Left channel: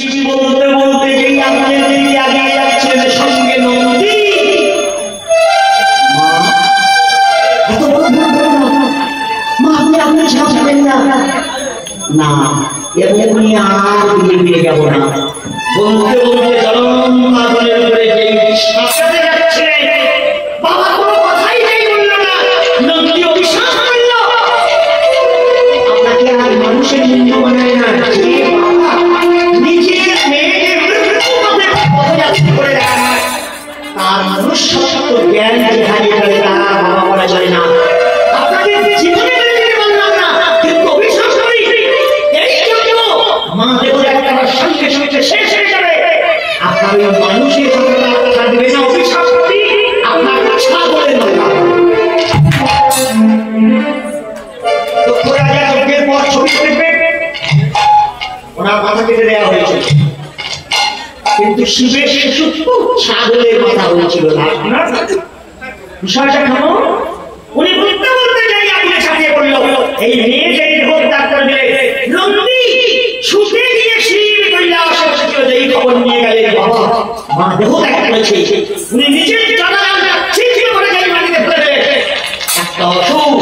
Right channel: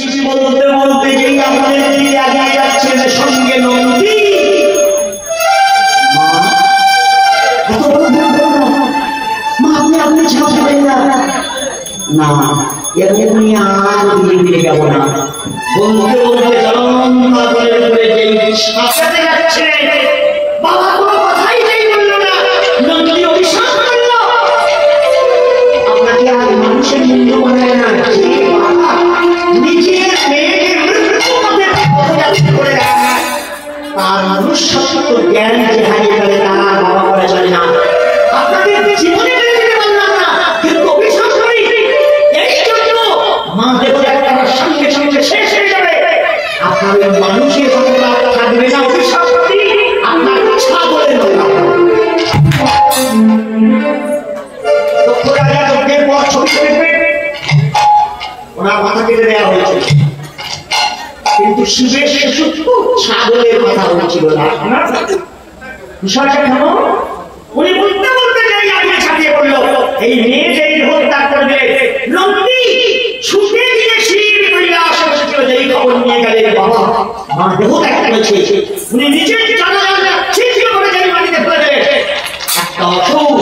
শিশি বলতে বলতে যেই আপনাদের দিকে আগে যাচ্ছেন সঙ্গে নন্দী। মা আপনি আপনি ছাড়বেন না, না এমনি আর দিকে যাব না। বলতে বলতে চরম পাগলের করে যেই সাথে যাচ্ছে, বাবা কোনো কথাই নেই বলল না। নন্দী অভিশাপ করল, আপনাকে আর মানুষের নিন্দু বানায় না, নিজের মেয়েকে মৃত্যু পথে পথযাত্রী করে রাখা, তার মনুষ্যত্ব জ্ঞান যে হারিয়ে গেলে তারা বাবা করা যায় না। আপনাকে জীবনে মেনে নিতে পারলাম না, কিন্তু অভিশাপ করি এই জন্য মা দেখো একটা সঙ্গে সঙ্গে শেষ হয়ে যাবে। আপনার ওই মানুষের কথা থাকবে না, অভিশাপ করি আপনার ইচ্ছা বলে নয়। দক্ষ রাজা যজ্ঞের পর ছবি দেখবে ওনার মাথা কেটে দেওয়া হয়েছে, কিন্তু শিবের শিশু ছাগলের মাথা হয়েছিল না। বিষয়টা কেন? উনি বলতে বলতে যাই আগে ছাড়িয়ে পড়ল, এই মেয়ে যেই হত্যা করবে নন্দী ছুটে গিয়ে শিব কৈলাস এসেছিল, যেই খবর নিয়ে গেলেন বাবা মা দেহ ত্যাগ করেছে। উনি নিজের জানালা ছিটকে করে যাই মাটিতে ফেলে দেবে। একটা অসুখ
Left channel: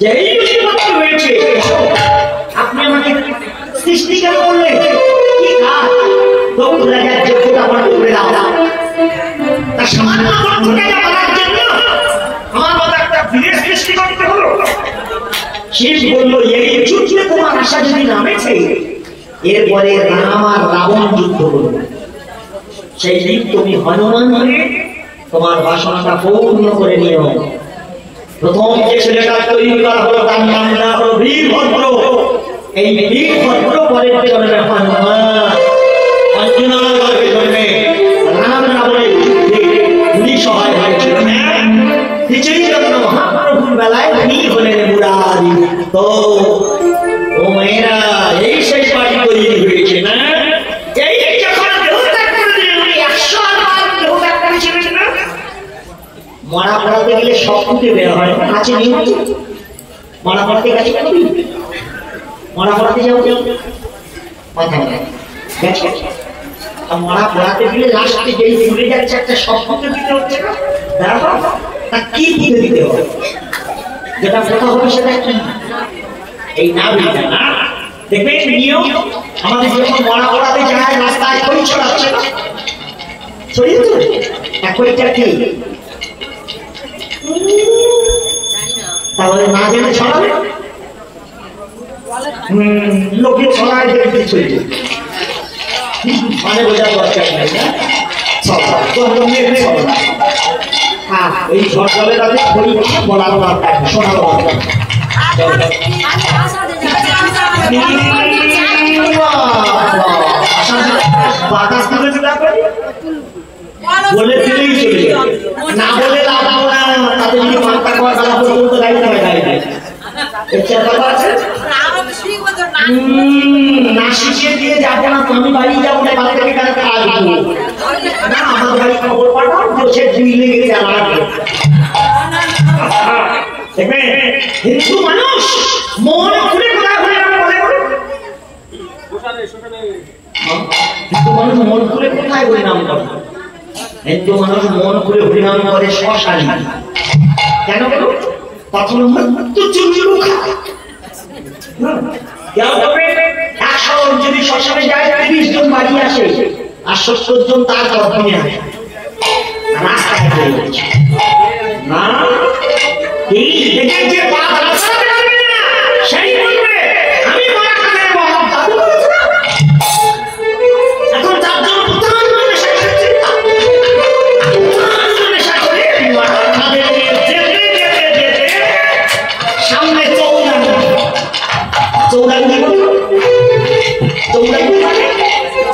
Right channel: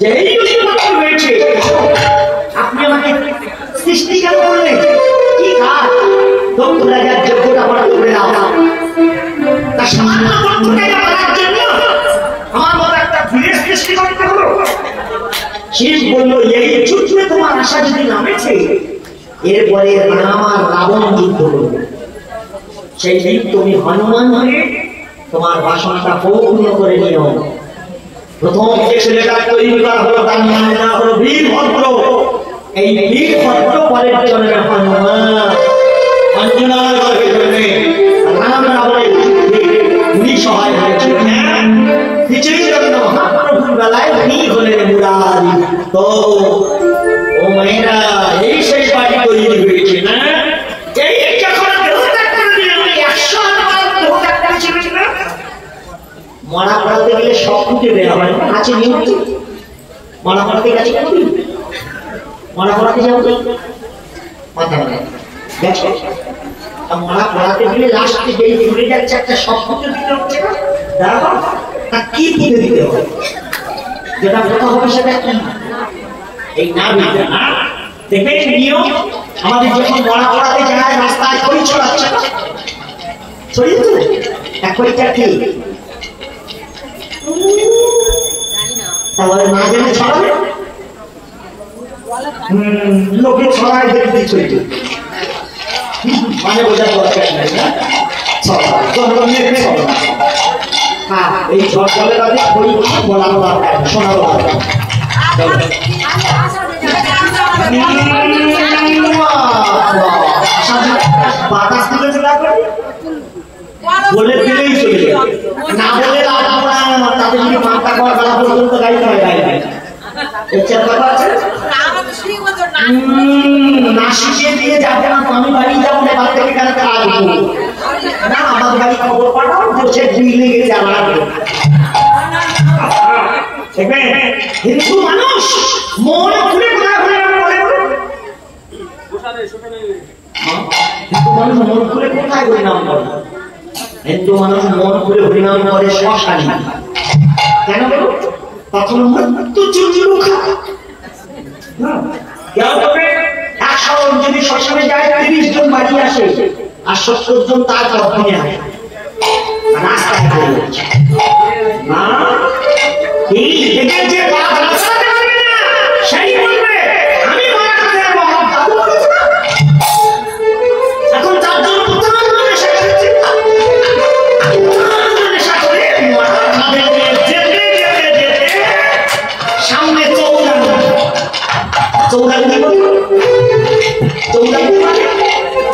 যেই বুঝতে হয়েছে, আপনি আমাকে সৃষ্টি কেন করলেন? কি কাজ? দক্ষ রাজার যোগ্যতা বড় করে দাও, তা সামান্য দক্ষতাটা করার জন্য আমার মতো একটা বীরের সৃষ্টি করতে হলো। শিব বলল, এই যুদ্ধে তোমার আশা যদি নামেছে, এরপরে রাম আর রাবণ যুদ্ধ করবে। সেই দিন তুমি হনুমান হয়ে তোমার বাসনাটা পূর্ণ করে নিও। প্রথম যে ছেলেটা তৈরি করা হলো তার নাম দেওয়া হলো বীরভদ্র। এই বীরভদ্র পরের জন্মে হনুমান, অঞ্জনার জন্মে রাম রাবণের যুদ্ধে উনি সহায় হয়েছিলেন। কিছুই জন্য মহাপ্রভুর বেলায় উনি হলেন মুরারি। তো ও মেয়েরা, এই সেই পার্টি তৈরি হয়েছে না? এই যখন দেহত্যাগ করে দিলেন, উনি 100 দেহত্যাগ করেছিলেন না? মরা পড়াতে গেলে সব ফুটে বের হয়, আছে নিয়ম। মরা পড়াতে গেছে কেন? মরা পড়াতে যাও কথা বলে গেছে, মরা পড়াতে গেলে লাস্টে যেই ফুটে যাচ্ছে একটা সব ফুটে দিতে হচ্ছে না? দেখো তা কি ফুটে দিতে হবে, যেটা কথা হবে সেটা কি? এই না বুঝবে না, দেখবে নিয়ম। আমাদের যখন মরা পড়াতে যায় রাস্তায় খই ছড়াচ্ছে না, ছড়িয়ে দেবে এক খইটা কি? তাহলে না জেনে ছড়াবে, লোকে ছড়ায় দেখতে ছড়িয়ে মানে বোঝার দরকার নাই না। হ্যাঁ, এই ঝড় তাদের খই বলা শোনা বাতাস তুলে বলে ফেলেই চলে যাবে, না বলে তাদের মাথা করা বেলা পর্যন্ত গাইতে হয় গাড়িতে। না শিখিয়ে দিয়ে যাবো না, আমি বাড়ি যাবো না, বাড়ি থেকে কেন আসবো না? আমার বাড়ি খবর পাঠাও যে সে দুই লেগে যাওয়া। হিন্দু মানুষ মন খুলে কোথায় খুলে হিন্দু মানুষ মন খুলে কোথায় হরিনাম করে? হিন্দু মানুষ মন খুলে হরিনাম করে শ্মশানে। কেন বলো? তখন যদি শ্মশানে যায় 30 জন বাড়ি আসে আর 70 জন তার গর্ভে আসে, রাস্তায় না এই দেখে যে সেই বলবে আমি মারা করে দেবো। এখন তার জন্য সামনে চৌরাঙ্গি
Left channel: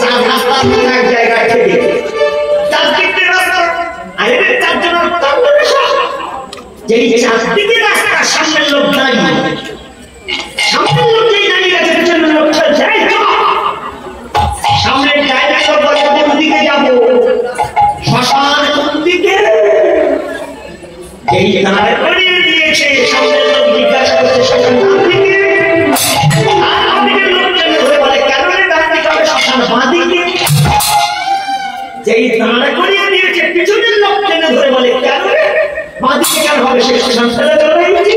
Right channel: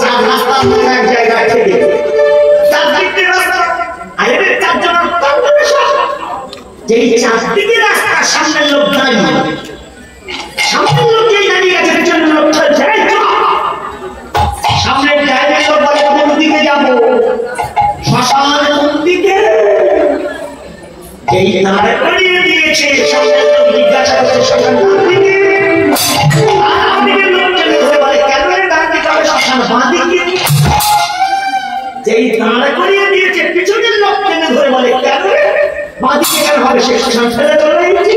চার রাস্তার এক জায়গায় থেকে চারদিকে রাস্তা যেই চারদিকে রাস্তার সামনের লোক দাঁড়িয়ে, সামনের লোক যেই দাঁড়িয়ে গেছে পিছনে লোকটা যায় সামনের জায়গা কোন দিকে যাবো, শ্মশান কোন দিকে, যেই দাঁড় করিয়ে দিয়েছে সামনের লোক জিজ্ঞাসা করছে শ্মশান কোন দিকে, আর আপনি লোক চলে ধরে বলে এই দাঁড়া করিয়ে দিয়েছে, পিছনের লোক টেনে ধরে বলে কেন বাঁদিকে কেন হবে, সে সংসারে চলে গেছে।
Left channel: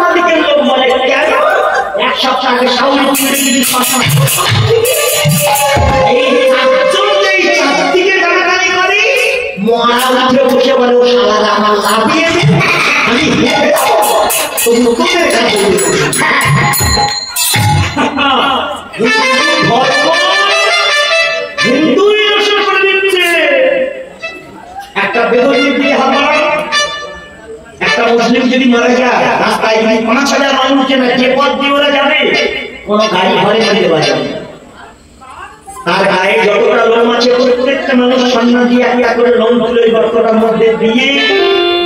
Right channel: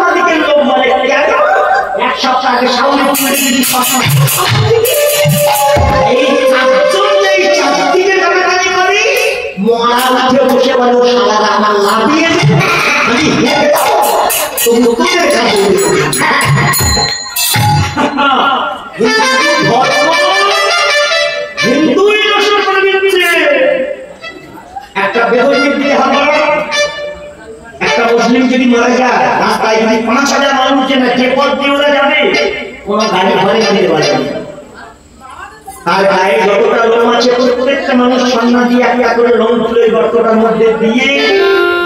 বাঁদিকের লোক বলে কেন, এক সপ্তাহ আগে সাউনি এই চারজন এই চারদিকে টানাটানি করে মরা উঠে বসে বলে সালারা আমার লাভিয়ে আমি হিন্দুই নষ্ট করে দিচ্ছে। একটা বেদনীর বিয়ে হবে, একটা মুসলিম যদি মারা যায় রাস্তায় যদি ৫,০০০ মানুষ না যে পথ দিয়ে ওরা যাবে কোন গাড়ি ঘরে দিতে পারবে না। তার গায়ে যতটা লোম আছে প্রত্যেকটা মানুষ সম্মান দিয়ে একটা করে লোম তুলে গর্তটার মধ্যে দিয়ে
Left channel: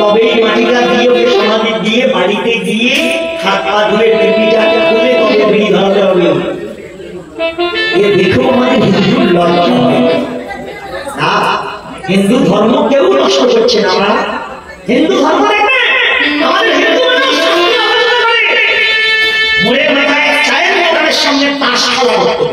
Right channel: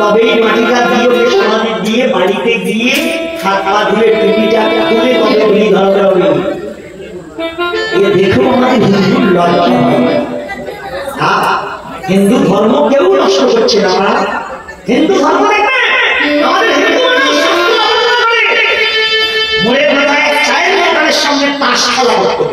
তবেই মাটিটা দিয়ে সমাধি দিয়ে বাড়িতে গিয়ে হাত পা ধুয়ে টিপিটাকে খুলে তবে বিড়ি ধরাতে হবে। এ দেখেও আমাদের হিন্দুর লজ্জা হয় না। হিন্দু ধর্ম কেউ নষ্ট করছে না। আমরা হিন্দু ধর্ম দেখবে আমাদের হিন্দু মরে বেড়ায় চায়ের দোকানের সামনে তাস খেলা করতো।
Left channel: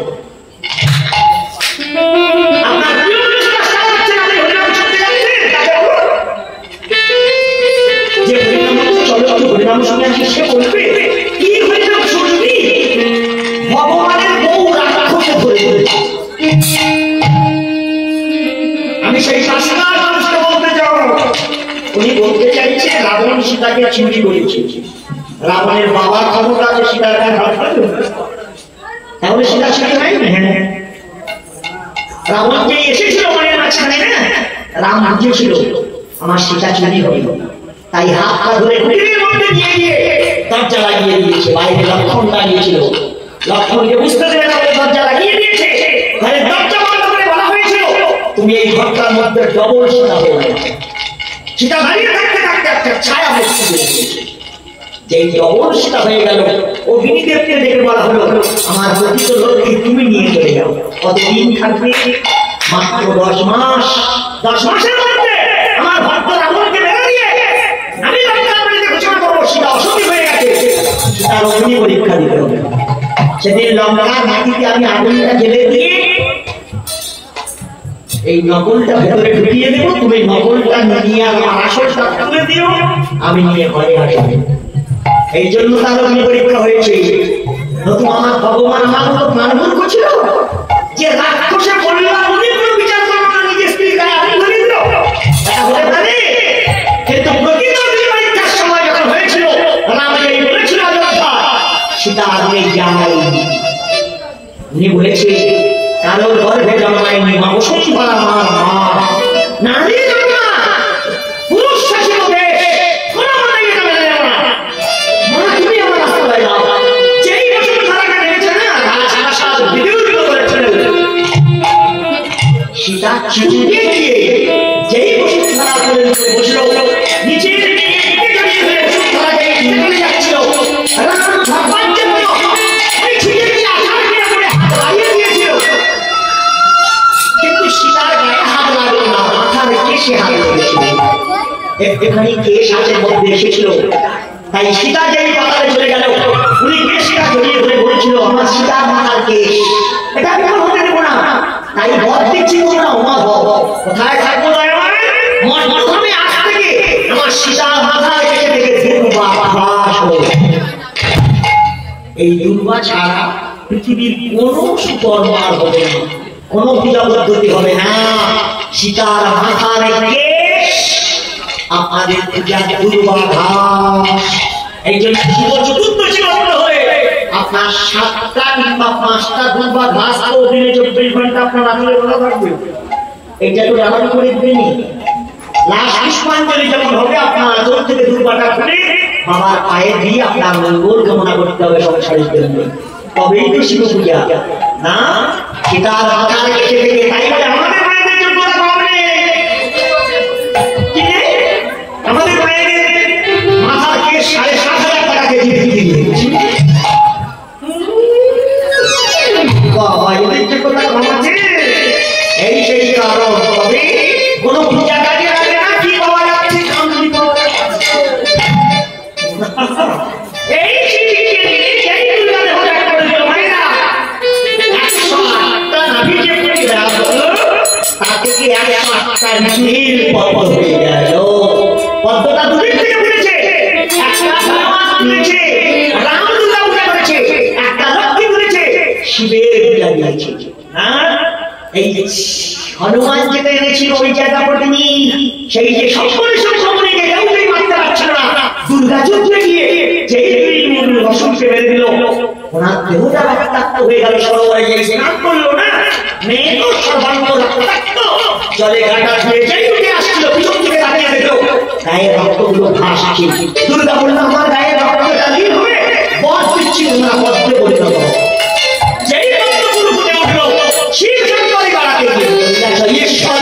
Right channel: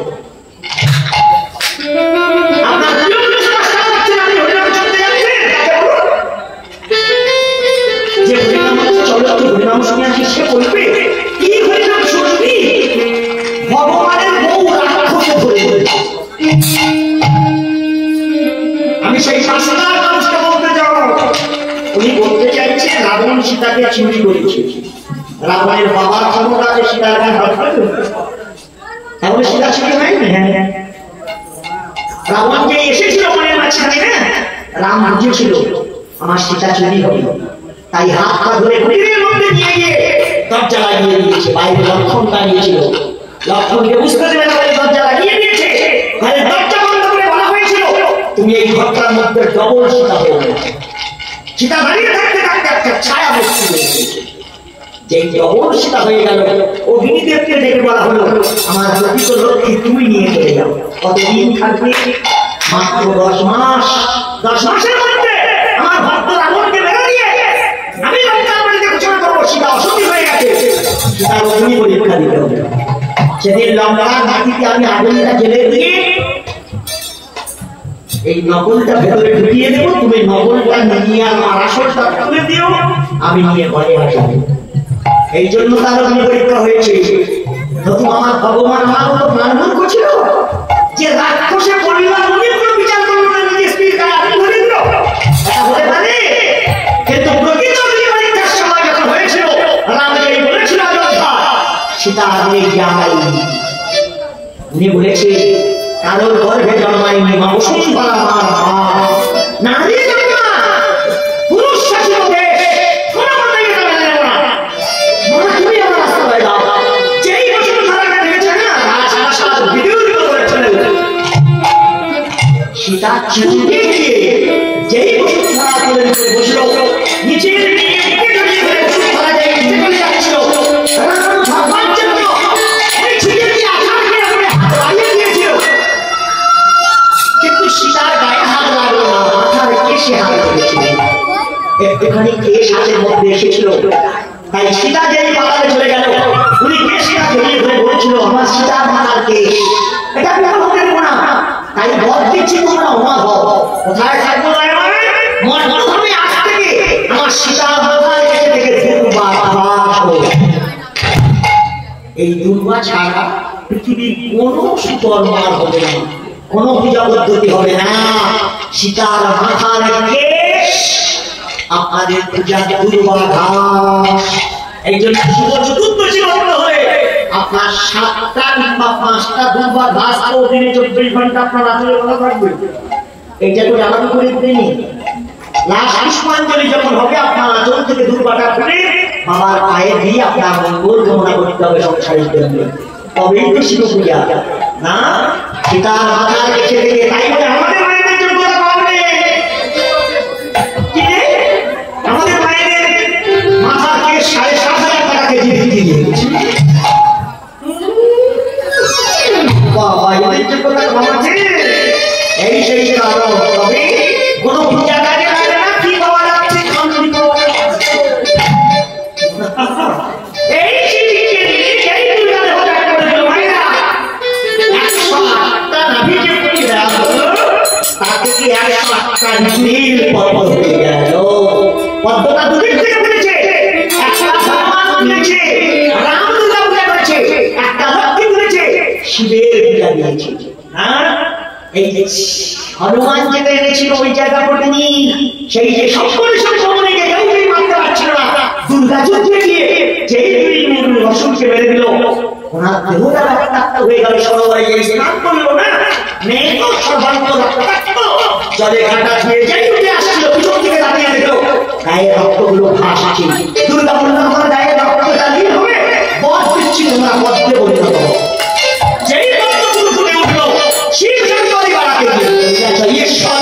আমি সেই শাসনার মানুষকে বলতে যাবো, উনি বলতে চাইছে রাবণ সীতাকে চুরি করেছে। রাবণের বাবার খবর আছে সীতার তাহলে সীতা চুরি হয় না। হ্যাঁ, রাবণ যে এসেছিল মনের মাঝখানে না, রাম বুঝেছিল আমার সীতা চুরি হবে, তাই হাত পা ধরে কুটিরের মধ্যে নিয়ে গিয়ে দরজা লাগিয়ে দিয়েছে। বাইরে লক্ষণ দাঁড়িয়েছিল, লক্ষণকে বুঝতে দেবে না বলে দরজা লাগিয়ে দিয়েছে। ঘরের দরজা বন্ধ করে বলা হয়েছিল তুমি এই ঘরটার মধ্যে ডবল সীতা হয়ে গেছে। সীতা দাঁড়িয়ে থাকতে থাকতে একটা ছায়া মুক্তি দিয়েছে। যেই ডবল সীতা হয়ে গেল অগ্নিদেবকে ডেকে বলা হলো আমার প্রকৃত লক্ষ্মী তুমি নিয়ে চলে যাও। কতদিন থাকবে? মাত্র 10 মাস। 10 মাসের মধ্যে আমার ভক্ত রাবণকে বেড়ে দিয়ে আমি লঙ্কা ঘোষণা করবো সীতা অসতী হয়ে গেছে। সীতার অগ্নি পরীক্ষা দিতে হবে। সেদিন লঙ্কার মাটিতে আমি আগুনটা জেলে দিয়ে এই নকলটা ভেতরে ঢুকিয়ে দেবো, তুমি নকলটা নিয়ে আমার আসলটা তুলে দিও, আমি নিয়ে ঘরে আসবো। এই জন্য তার অগ্নি পরীক্ষা হয়েছে। নতুন আমার ভগবান আমার মতো প্রাণমূর্খ ছিল যে রাক্ষসে কল্যাণ উনি কোনো বিচার করলো না, নিজের স্ত্রীর গায়ে আগুন ধরে দিল। এটা হতে পারে? কিন্তু প্রকৃত অগ্নি পরীক্ষার সময় যখন হয়েছিল রাম এই বলেছিল অযোধ্যা সীতা আমি যাই, উনি বলেছে কারোর গর্ভে জন্মায়নি মা বসুন্ধরা আমার মা, নারী জন্মা পুরুষ শাসিত দেশ কোনো মতেই এটা মেনে নেব না। মা তুমি আমার রাস্তা পাই দাও। যেই বসুন্ধরাকে দেখেছে না রাজপ্রাসাদ বিদ্যুৎ করেছিল, সীতা চুপকে গিয়ে যেই বসুন্ধরা করে বসল নিচের দিকে বসুন্ধরা যেই চলে যাচ্ছিল রাম ভগবান জন্য ওই ছিটে দিয়ে আঘাত করে হারিয়ে দিয়েছিল। কিন্তু সীতার গায়ে হাত লাগলো না, মাথার কেশে হাত লেগেছিল। একটুখানি কেশ হাতের মধ্যে এসেছিল, তাই সীতা যেই পাতালে চলে গেল উনি কেশটা জড়িয়ে ধরে বলেছিল আমার সীতার মাথার কেশ, এটা কেমন হতে দেবো না। তাই বর দিচ্ছি তোমরা ওমা ভব কোথায় থাকবো প্রথমে আজ থেকে আমার সীতার মাথার কেশে থেকে দুর্বা ভাস হল। এই দুর্বা ছাড়া পৃথিবীর কোন সুকর্মার হবে না, কোন পূজা পদ্ধতি হবে না। সীতার মাথার কেশ আপনাদের পূজা দুর্বা ঘাস। এই জন্য শিব চতুর্দশী ব্রত হয়ে আপনার 7টা কিংবা 5টা দুর্বা ঘাস দিনে 24 ঘন্টা আপনার আচলে বলা থাকবে। এইটা তো জানাবি করে দেয়নি। লাস্ট পুষ্পাঞ্জলি যখন হবে আপনার আচল থেকে দুর্বাটা খুলে বাবার পায়ে দিয়ে আপনার মঙ্গল কামনা করতে হবে সংসারের জন্য, তবেই তো শিব পূজা না। সীতার মাথার কেশে থেকে তাই বলে আমাদের মায়েদের যোগ্যতা পাবে কি? আমাদের মায়েদের মাথার কেশ 7,500 টাকা কেজি বিক্রি হয়েছে। বাবা এদের যোগ্যতা কম আছে। এই সেই কারণ তবে কোন পূজা কাজে হবে না। কি পাওয়া যাচ্ছে? কামড়ি পাওয়া যাচ্ছে। এই শিক্ষিকে এই পূজাতে হঠাৎ করে দিল ভাইরা 108টা নাভি আজকে 108টা নীল পদ্ম হয়ে গেল। পদ্মটা দুদিক থেকে বলেছে, একটা হনুমান বলেছে রাম দুর্গা পূজা করেছে, একটা লক্ষ্মী বলেছে শিবের পূজা দিয়েছে। এই হনুমান যেটা এনেছিল ওই জায়গা পড়েনি, সেই যে সকলে সকলকে কেউই মারতে পারছিল না, দুর্গা যুদ্ধে গিয়ে যেই দুই রসুলকে মেরে দিল, ওনার দেহটা রক্তাক্ত হয়ে গেল। সরোবরে গিয়ে স্নান করলো না, মেয়ে তো সর্বাঙ্গ রক্তাক্ত, জলে ঘাটা ধুয়ে যেই উঠে আসছিল পিছন থেকে তাকিয়ে দেখলো গায়ে রক্তগুলো ভাসছে। দুর্গা বলল আমার গায়ে রক্তটা নীল হবে, বধ দিচ্ছি তোমরা বধে বলে দেবো। যেই রক্তগুলো ফুটে উঠলো শিব শঙ্করী বাড়াতে গিয়ে ঈশ্বর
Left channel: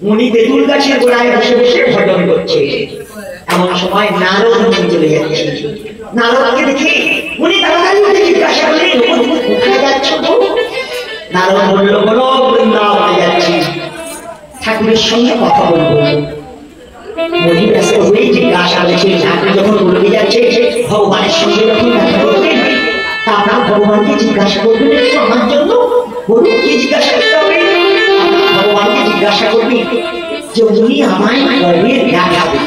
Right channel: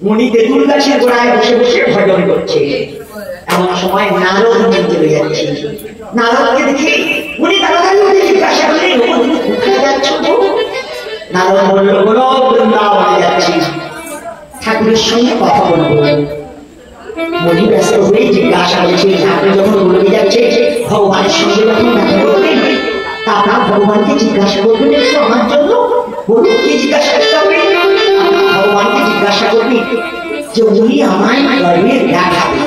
উনি তেঁতুল গাছের গোড়ায় বসে বসে ভজন করছে। এমন সময় নারদ মন্দিরে চলে যাচ্ছে। নারদকে দেখে উনি তাড়াতাড়ি উঠে জিজ্ঞাসা করলেন, কোথায় যাচ্ছ? নারদ বলল, বলো বৃন্দাবনে যাচ্ছি, ঠাকুরের সঙ্গে কথা বলবো। মনি ব্যস্ত হয়ে জিজ্ঞাসা করেছে, ঠাকুর যখন বলবে যাচ্ছে ভগবানের সঙ্গে যখন দেখা করবেন, আপনার ভগবানকে জিজ্ঞাসা করবেন একটু আমার জন্য। বলুন কি জিজ্ঞাসা করতে হবে? ভগবানকে জিজ্ঞাসা করবি যে উনি আমায় গর্বে দেখাবে,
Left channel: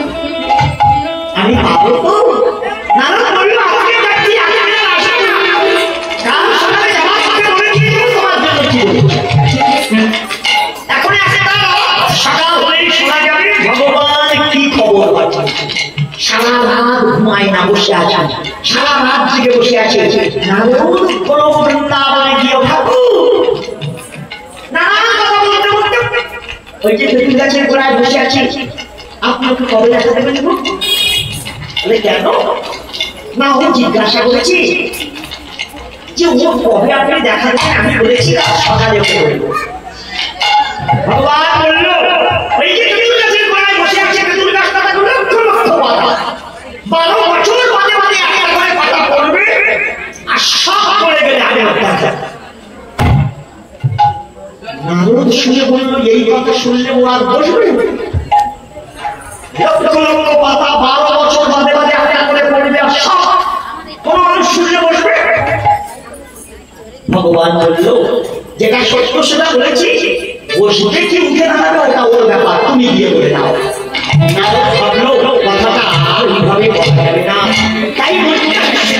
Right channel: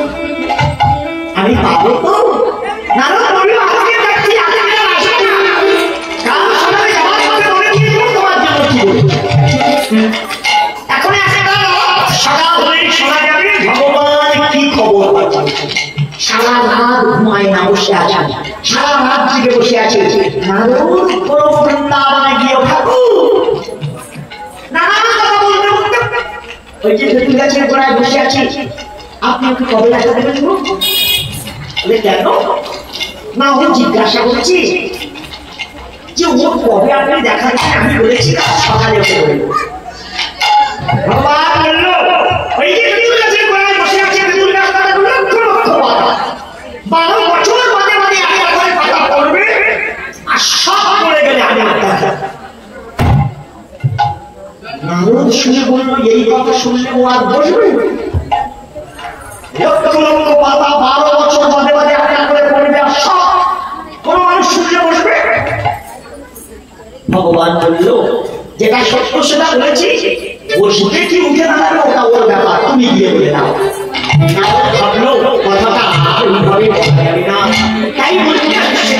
আমি পাবো তো? নারদ বলল, আজকে যাচ্ছি, কাল সকালে যাওয়ার সঙ্গে বলে দিয়েছিল তোমার জন্য কি বলছে। এখন একটা সকাল হলেই শোনা যাবে ভগবান কি খবর পাচ্ছে। সারা রাত ঘুমায় না, বসে আছে, সারা রাত জেগে বসে আছে। নারদ কোনো বৃন্দাবনে গিয়ে ঠাকুর নানান কথা বলতে বলতে ওই যে তেঁতুল গাছের গোড়ায় বসে আছি, আপনি ওকে কবে দেখা দেবেন? বলে কেন? না ও জিজ্ঞাসা করছি যে ও কবে আপনি দেখা দেবেন। আমি বলেছি কাল সকালে বলবো। ভগবান বলল, ওই যে তেঁতুল গাছের গোড়ায় বসে আছে, তেঁতুল গাছটা লক্ষ লক্ষ পাতা, 12 বছর বাদে বাদে একটা করে পাতা পড়বে, আর সব পড়ে গেলে আমি দেখা। নারদ শুনে বলল, এই কথা শুনলে ও আর বসবে? লক্ষ লক্ষ পাতা 12 বছর বাদে বাদে একটা করে পড়বে, আর সব কোন মানুষ শুনলে বসবে? ভগবান বলল, যেটা সত্য সেটা বলেছি, বসবে কি উঠে দাঁড়াবে ওটা ওর ব্যাপার, তুমি গিয়ে বলে দাও। নারদ ভাবলো কথাটা ওইভাবে বলা যাবে না, তাই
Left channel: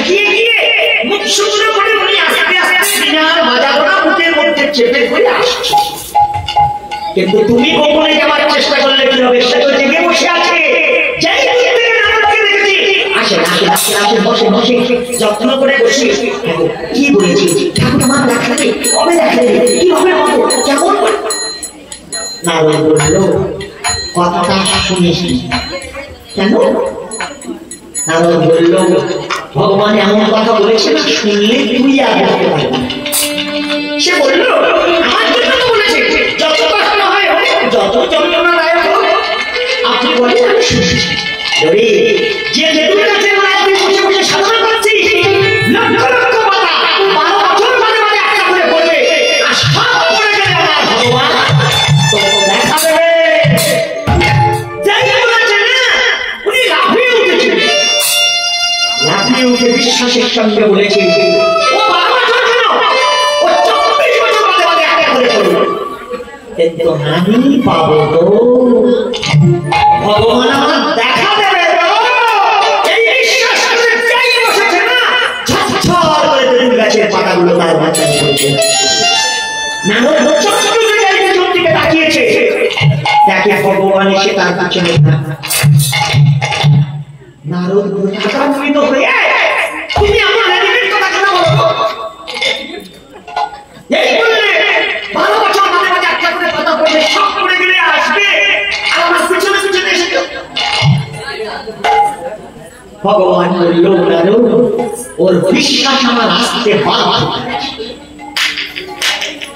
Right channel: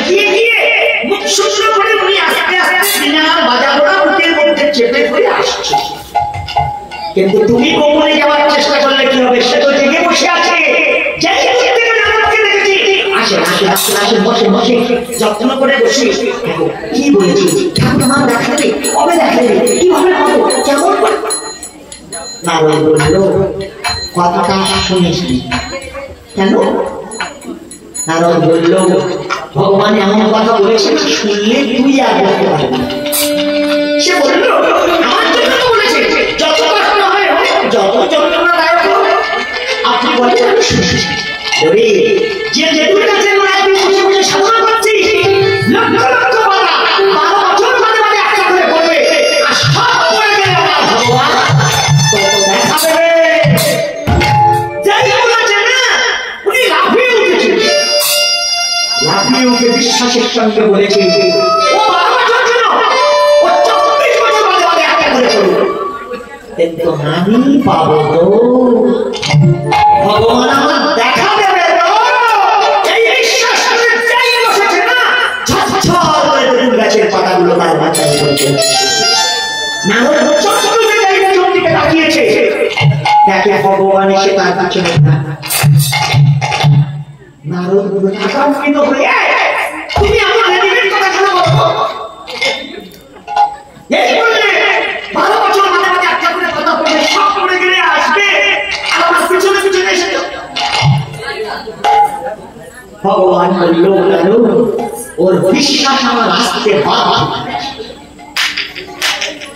গিয়ে গিয়ে মুখ শুকনো করে উনি আস্তে আস্তে বিনার বাজাগোড়া মুখের মধ্যে চেপে করে আসছে। কিন্তু তুমি গোপনে যাওয়ার চেষ্টা করলে কি হবে? সে তো জেগে বসে আছে। বসে বসে যত্ন করে বসে কি বলেছি, ঠাকুর আমার দেখা দেবে, কবে দেখা দেবে, কিভাবে হবো, কেমন করে? নারদ বলল, কথাটা শুনেছি। কেন? নারদ বলল, ভগবান এমন কথা বলেছে শুনলে তুই আর বলতে পারবি। সে বলল, আমার জন্য বলেছে সঙ্গে বলেছে ও 12 বছর ছিল, ও 24 বছর বাদে বাদে একটা করে চলল, কিন্তু আমি পাবো তো, ভগবান আমার দেখা দেবে তো, এই বিশ্বাস করে চাই বসেছে না, ঝরঝর করে বেগুন গাছের পাতাগুলো তার মাথায় পড়েছে। নারদ চক্রকে যাইতে চন্ডিকে তাকিয়েছে, দেখে ভগবান এসে তার পিছনে। নারদ আকাঙ্ক্ষিত হয়ে তুমি আমার রেডিমেড কথা কেন বলো? এই বলে 12 বছর মাঝে মাঝে একটা করে কথা বলে সব করে গেলে আসবে আর আমার পিছনে পিছনে এসে ভগবান বলল নারদ ওর বিশ্বাস আমার আসতে বাধ্য।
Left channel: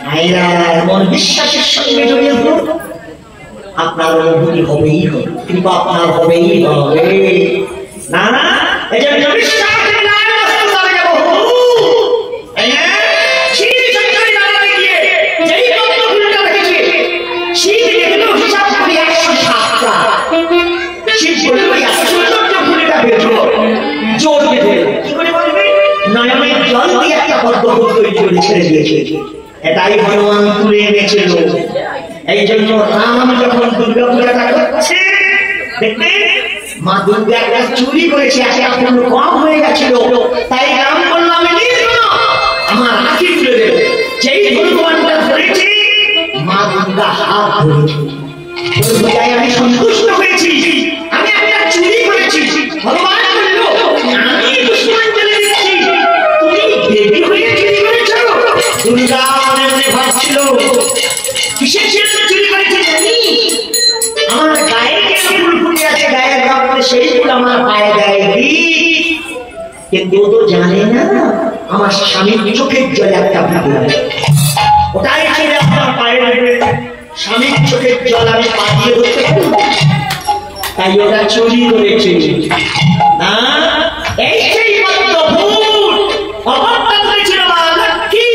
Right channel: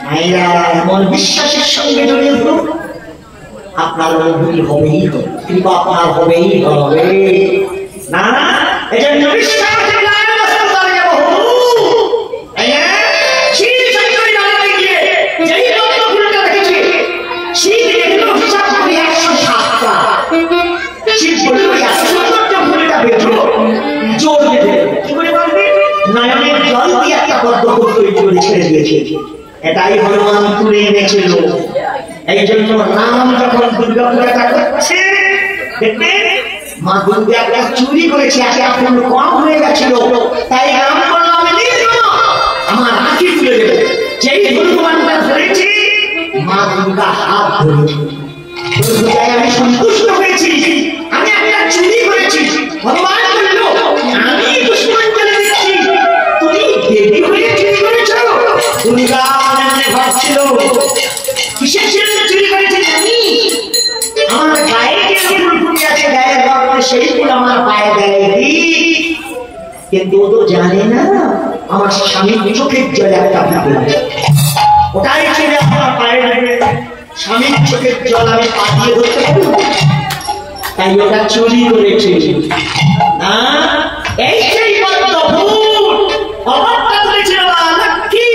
মায়েরা এমন বিশ্বাসের সঙ্গে জড়িয়ে ধরুন, আপনার অনুভূতি হবেই হবে, কৃপা আপনার হবেই হবে না। এই জন্য বিশ্বাস নয়নের জল দিয়ে একটা পদ্ম তৈরি করে ছেড়ে দিয়েছে, এটাই ভগবান তুলে এনেছিল। এই জন্য রাম যখন দুর্গা পূজা করছে দেখতে মা দুর্গা একটা চুরি করেছে, এখন কম হয়ে গেছিল, তাই রাম বলল আমি আমার রাখি তুলে দেবে। যেই ভগবানটা ধরেছি মা দুর্গা হাত ধরেছে, আমি সন্তুষ্ট হয়েছি, আমি একটা চুরি করেছি। ভগবান বলল আমি দুশ্মন চলে দিচ্ছি, তুমি দেবী হয়ে চুরি করেছ। দুর্গা মনে ভাবছিল কিসের জন্য চুরি করেছি জানি, আমার গায়ে যে ফুল ফুটে আছে গায়ের রক্তে সেই ফুল আমার পায়ে দেয়নি, কিন্তু ও তো জানে না আমার স্বামীর চোখের জলে একটা ফুল আছে, ওটাই ছেড়ে আমার পায়ে দেবে। স্বামীর চোখের জল আমি পাঠিয়ে ধরতে পারবো, তাই ওটা চুরি করেছে না। এই সেই পদ্ম ফুল অবস্থা করেছিল মা লক্ষ্মী,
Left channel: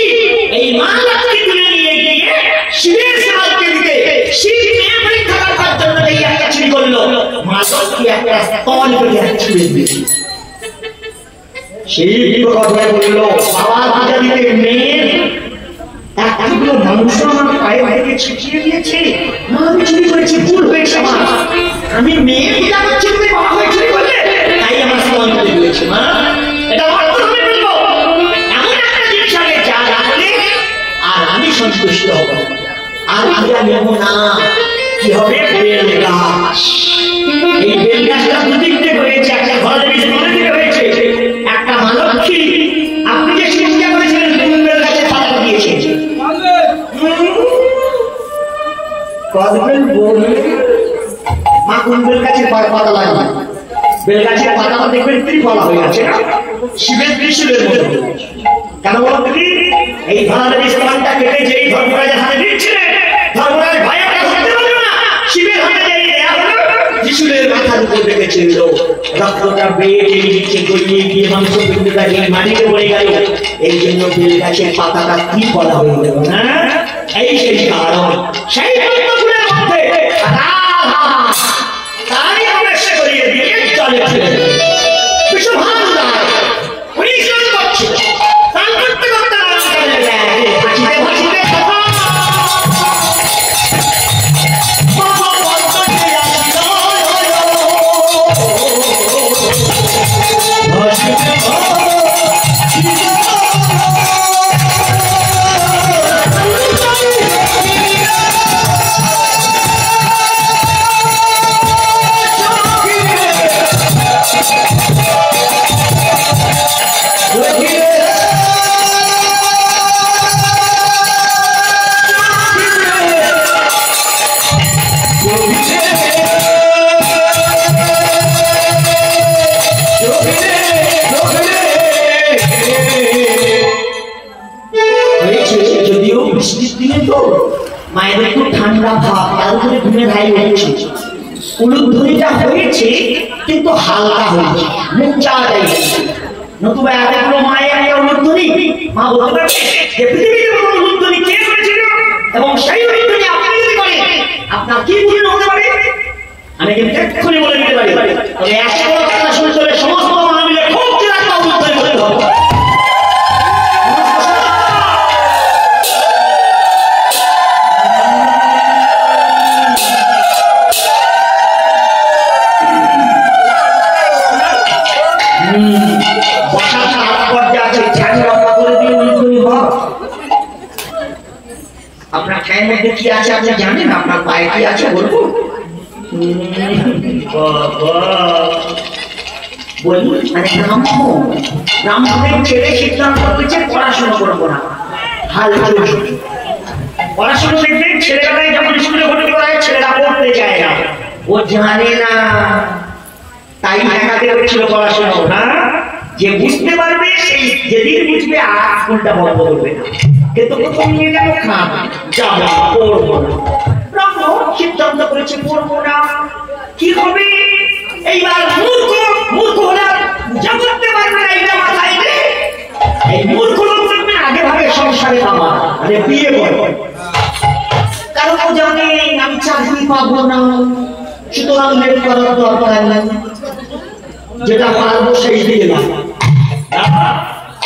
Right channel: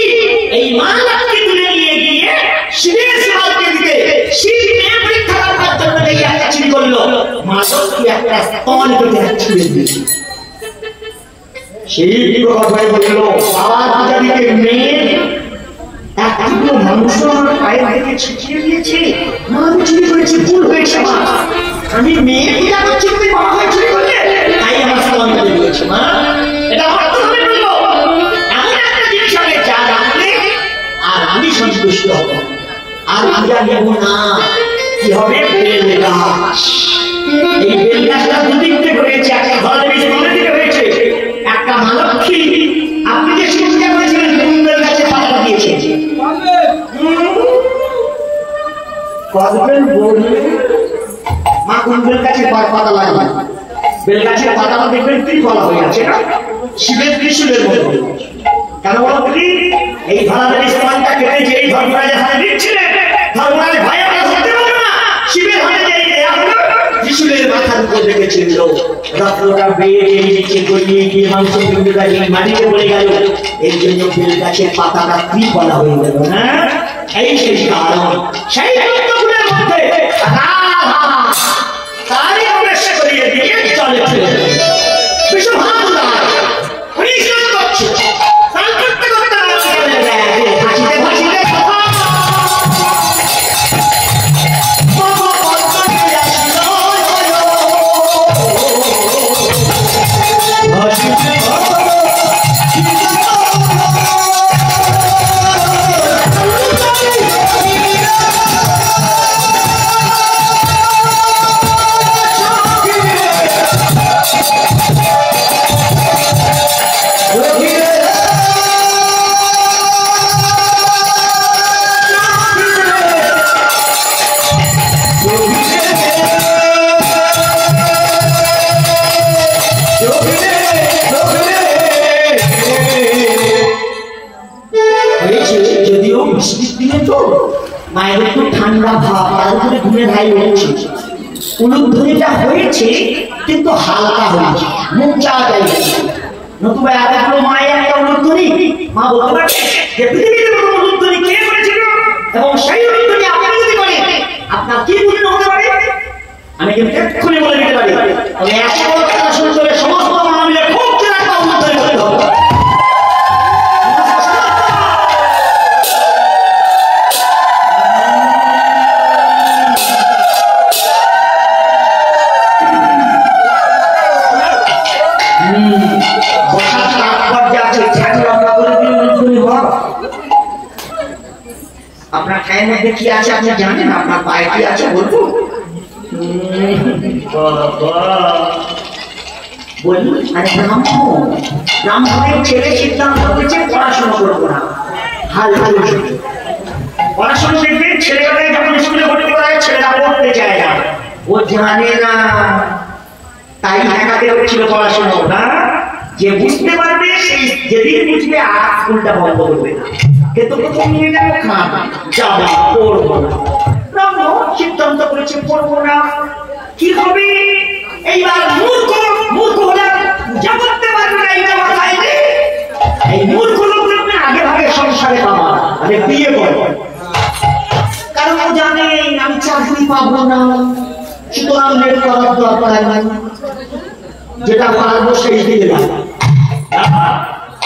এই মা লক্ষ্মী তুলে নিয়ে গিয়ে শিবের সেবাকে দিতে, শিব মেয়ে পরীক্ষা করার জন্য এই একটা চুরি করলো। মা লক্ষ্মী একটা স্তন করে ছুঁড়ে দিয়েছে। শিব কথায় বলল বাবা পূজা দিতে মেয়ে একটুকু মাংস আমার পায়ে থেকে ছিটিয়ে দিয়েছে, মা চুরি করেছে, ভুল হয়েছে মা, আমি মেয়ে পূজা করছি তুমি বাবা হয়ে চুরি করলে, তাই আমার স্তন করে দিয়েছে মা। এটা অর্থ হবে বললো এমন একটা জিনিস আগে যা রাখলে আর আমি সন্তুষ্ট হব, আর পূজা নেব না। কি হবে? বেল গাছ। এই বেল গাছটা দুদিকে হয়েছে, একটা ঘরের দিকে হয়েছে, একটা মা লক্ষ্মী আপনি যে চিন্তা করেছিলেন বেল গাছের পাতা দিয়েছে, মা কুণ্ডের কাছে পাতা লাগবে, বেল গাছের পাতা দেখবেন ত্রিফলা হয়ে আছে, শিবের ত্রিশূলের মধ্যে। কেন বলো কি? এই ধরনের ইসলামটা কেটে যে ধর্মরাজের হাতে দিচ্ছিলেন, ধর্মরাজ ভয়ে ধরতে পারবে না, শিবের হাতে যে দেয়া হলো ত্রিশূলের মাথার উপর রেখেছিল, রক্তটা বেয়ে নিচে গড়িয়ে গিয়ে মাংস বিন্দুটা মাটিতে পড়ে গেল। এই জন্য বেল গাছের পাতাটা ত্রিফলা হয়ে গেল না। এই সেই কারণ, সেই তত্ত্বগুলোর মধ্যে তারই প্রবেশ করিয়ে দিয়ে চলে ফেলে মায়ের একটু ঠান্ডা ভাব, তার উপরে ঘুরে ভাই হচ্ছে, উলুধ্বনিটা হয়েছে কিন্তু হালকা হয়েছে, মুখ চাওয়াটাই হয়েছে। নতুবা এতগুলো মায়ের একটা উলুধ্বনি, মা বলতে পারবে যে পৃথিবীতে কোনো উলুধ্বনি কে করেছিল এবং সেই উলুধ্বনি আপনি যদি করেন আপনার কি পূর্ণ হতে পারে, আমি কিন্তু এক্ষুনি বলে দিতে পারি। তবে একটা কথা শুনতে হলে সমস্ত মা মিলে খুব একটা উলুধ্বনি করতে হবে। মাথায় মধ্যে কি আছে আপনি জানেন? আপনার পায়ে কি আছে বলবো? বলি আরে ব্রাহ্মণের ছেলে সিদ্ধান্ত হয়েছে পড়াশোনা করবো না, হাল হাল পড়াশোনা দেখবে ছেলেবেলায় যখন স্কুলে ভর্তি করা হয় ছেলেরা পড়তে চায় না, ও জানে না, তাই ঢাকাতে হচ্ছিল পড়াশোনা না। যে বুঝতে পারবে সেই যেদিন বুঝবে আর স্কুলটা বন্ধ করবে না, কিন্তু প্রথম নিয়ে যাবো খাবো যাবো পড়বো না। ব্রাহ্মণ সিদ্ধান্ত করেছে পড়বো না, কি হবে? এইবার মূর্খ মূর্খ হলে পূজা করতে পারবে না, এইটা মাথায় নেই। এই মূর্খ লোকদের আগে ভাগে সংসারে পাবো মানে বিয়ে করবো, কারণ ও জানে আমি চাকরি পাবো না, সুতরাং লেট করার দরকার নেই, যেটা পারবো সেই দিকে লাগবে।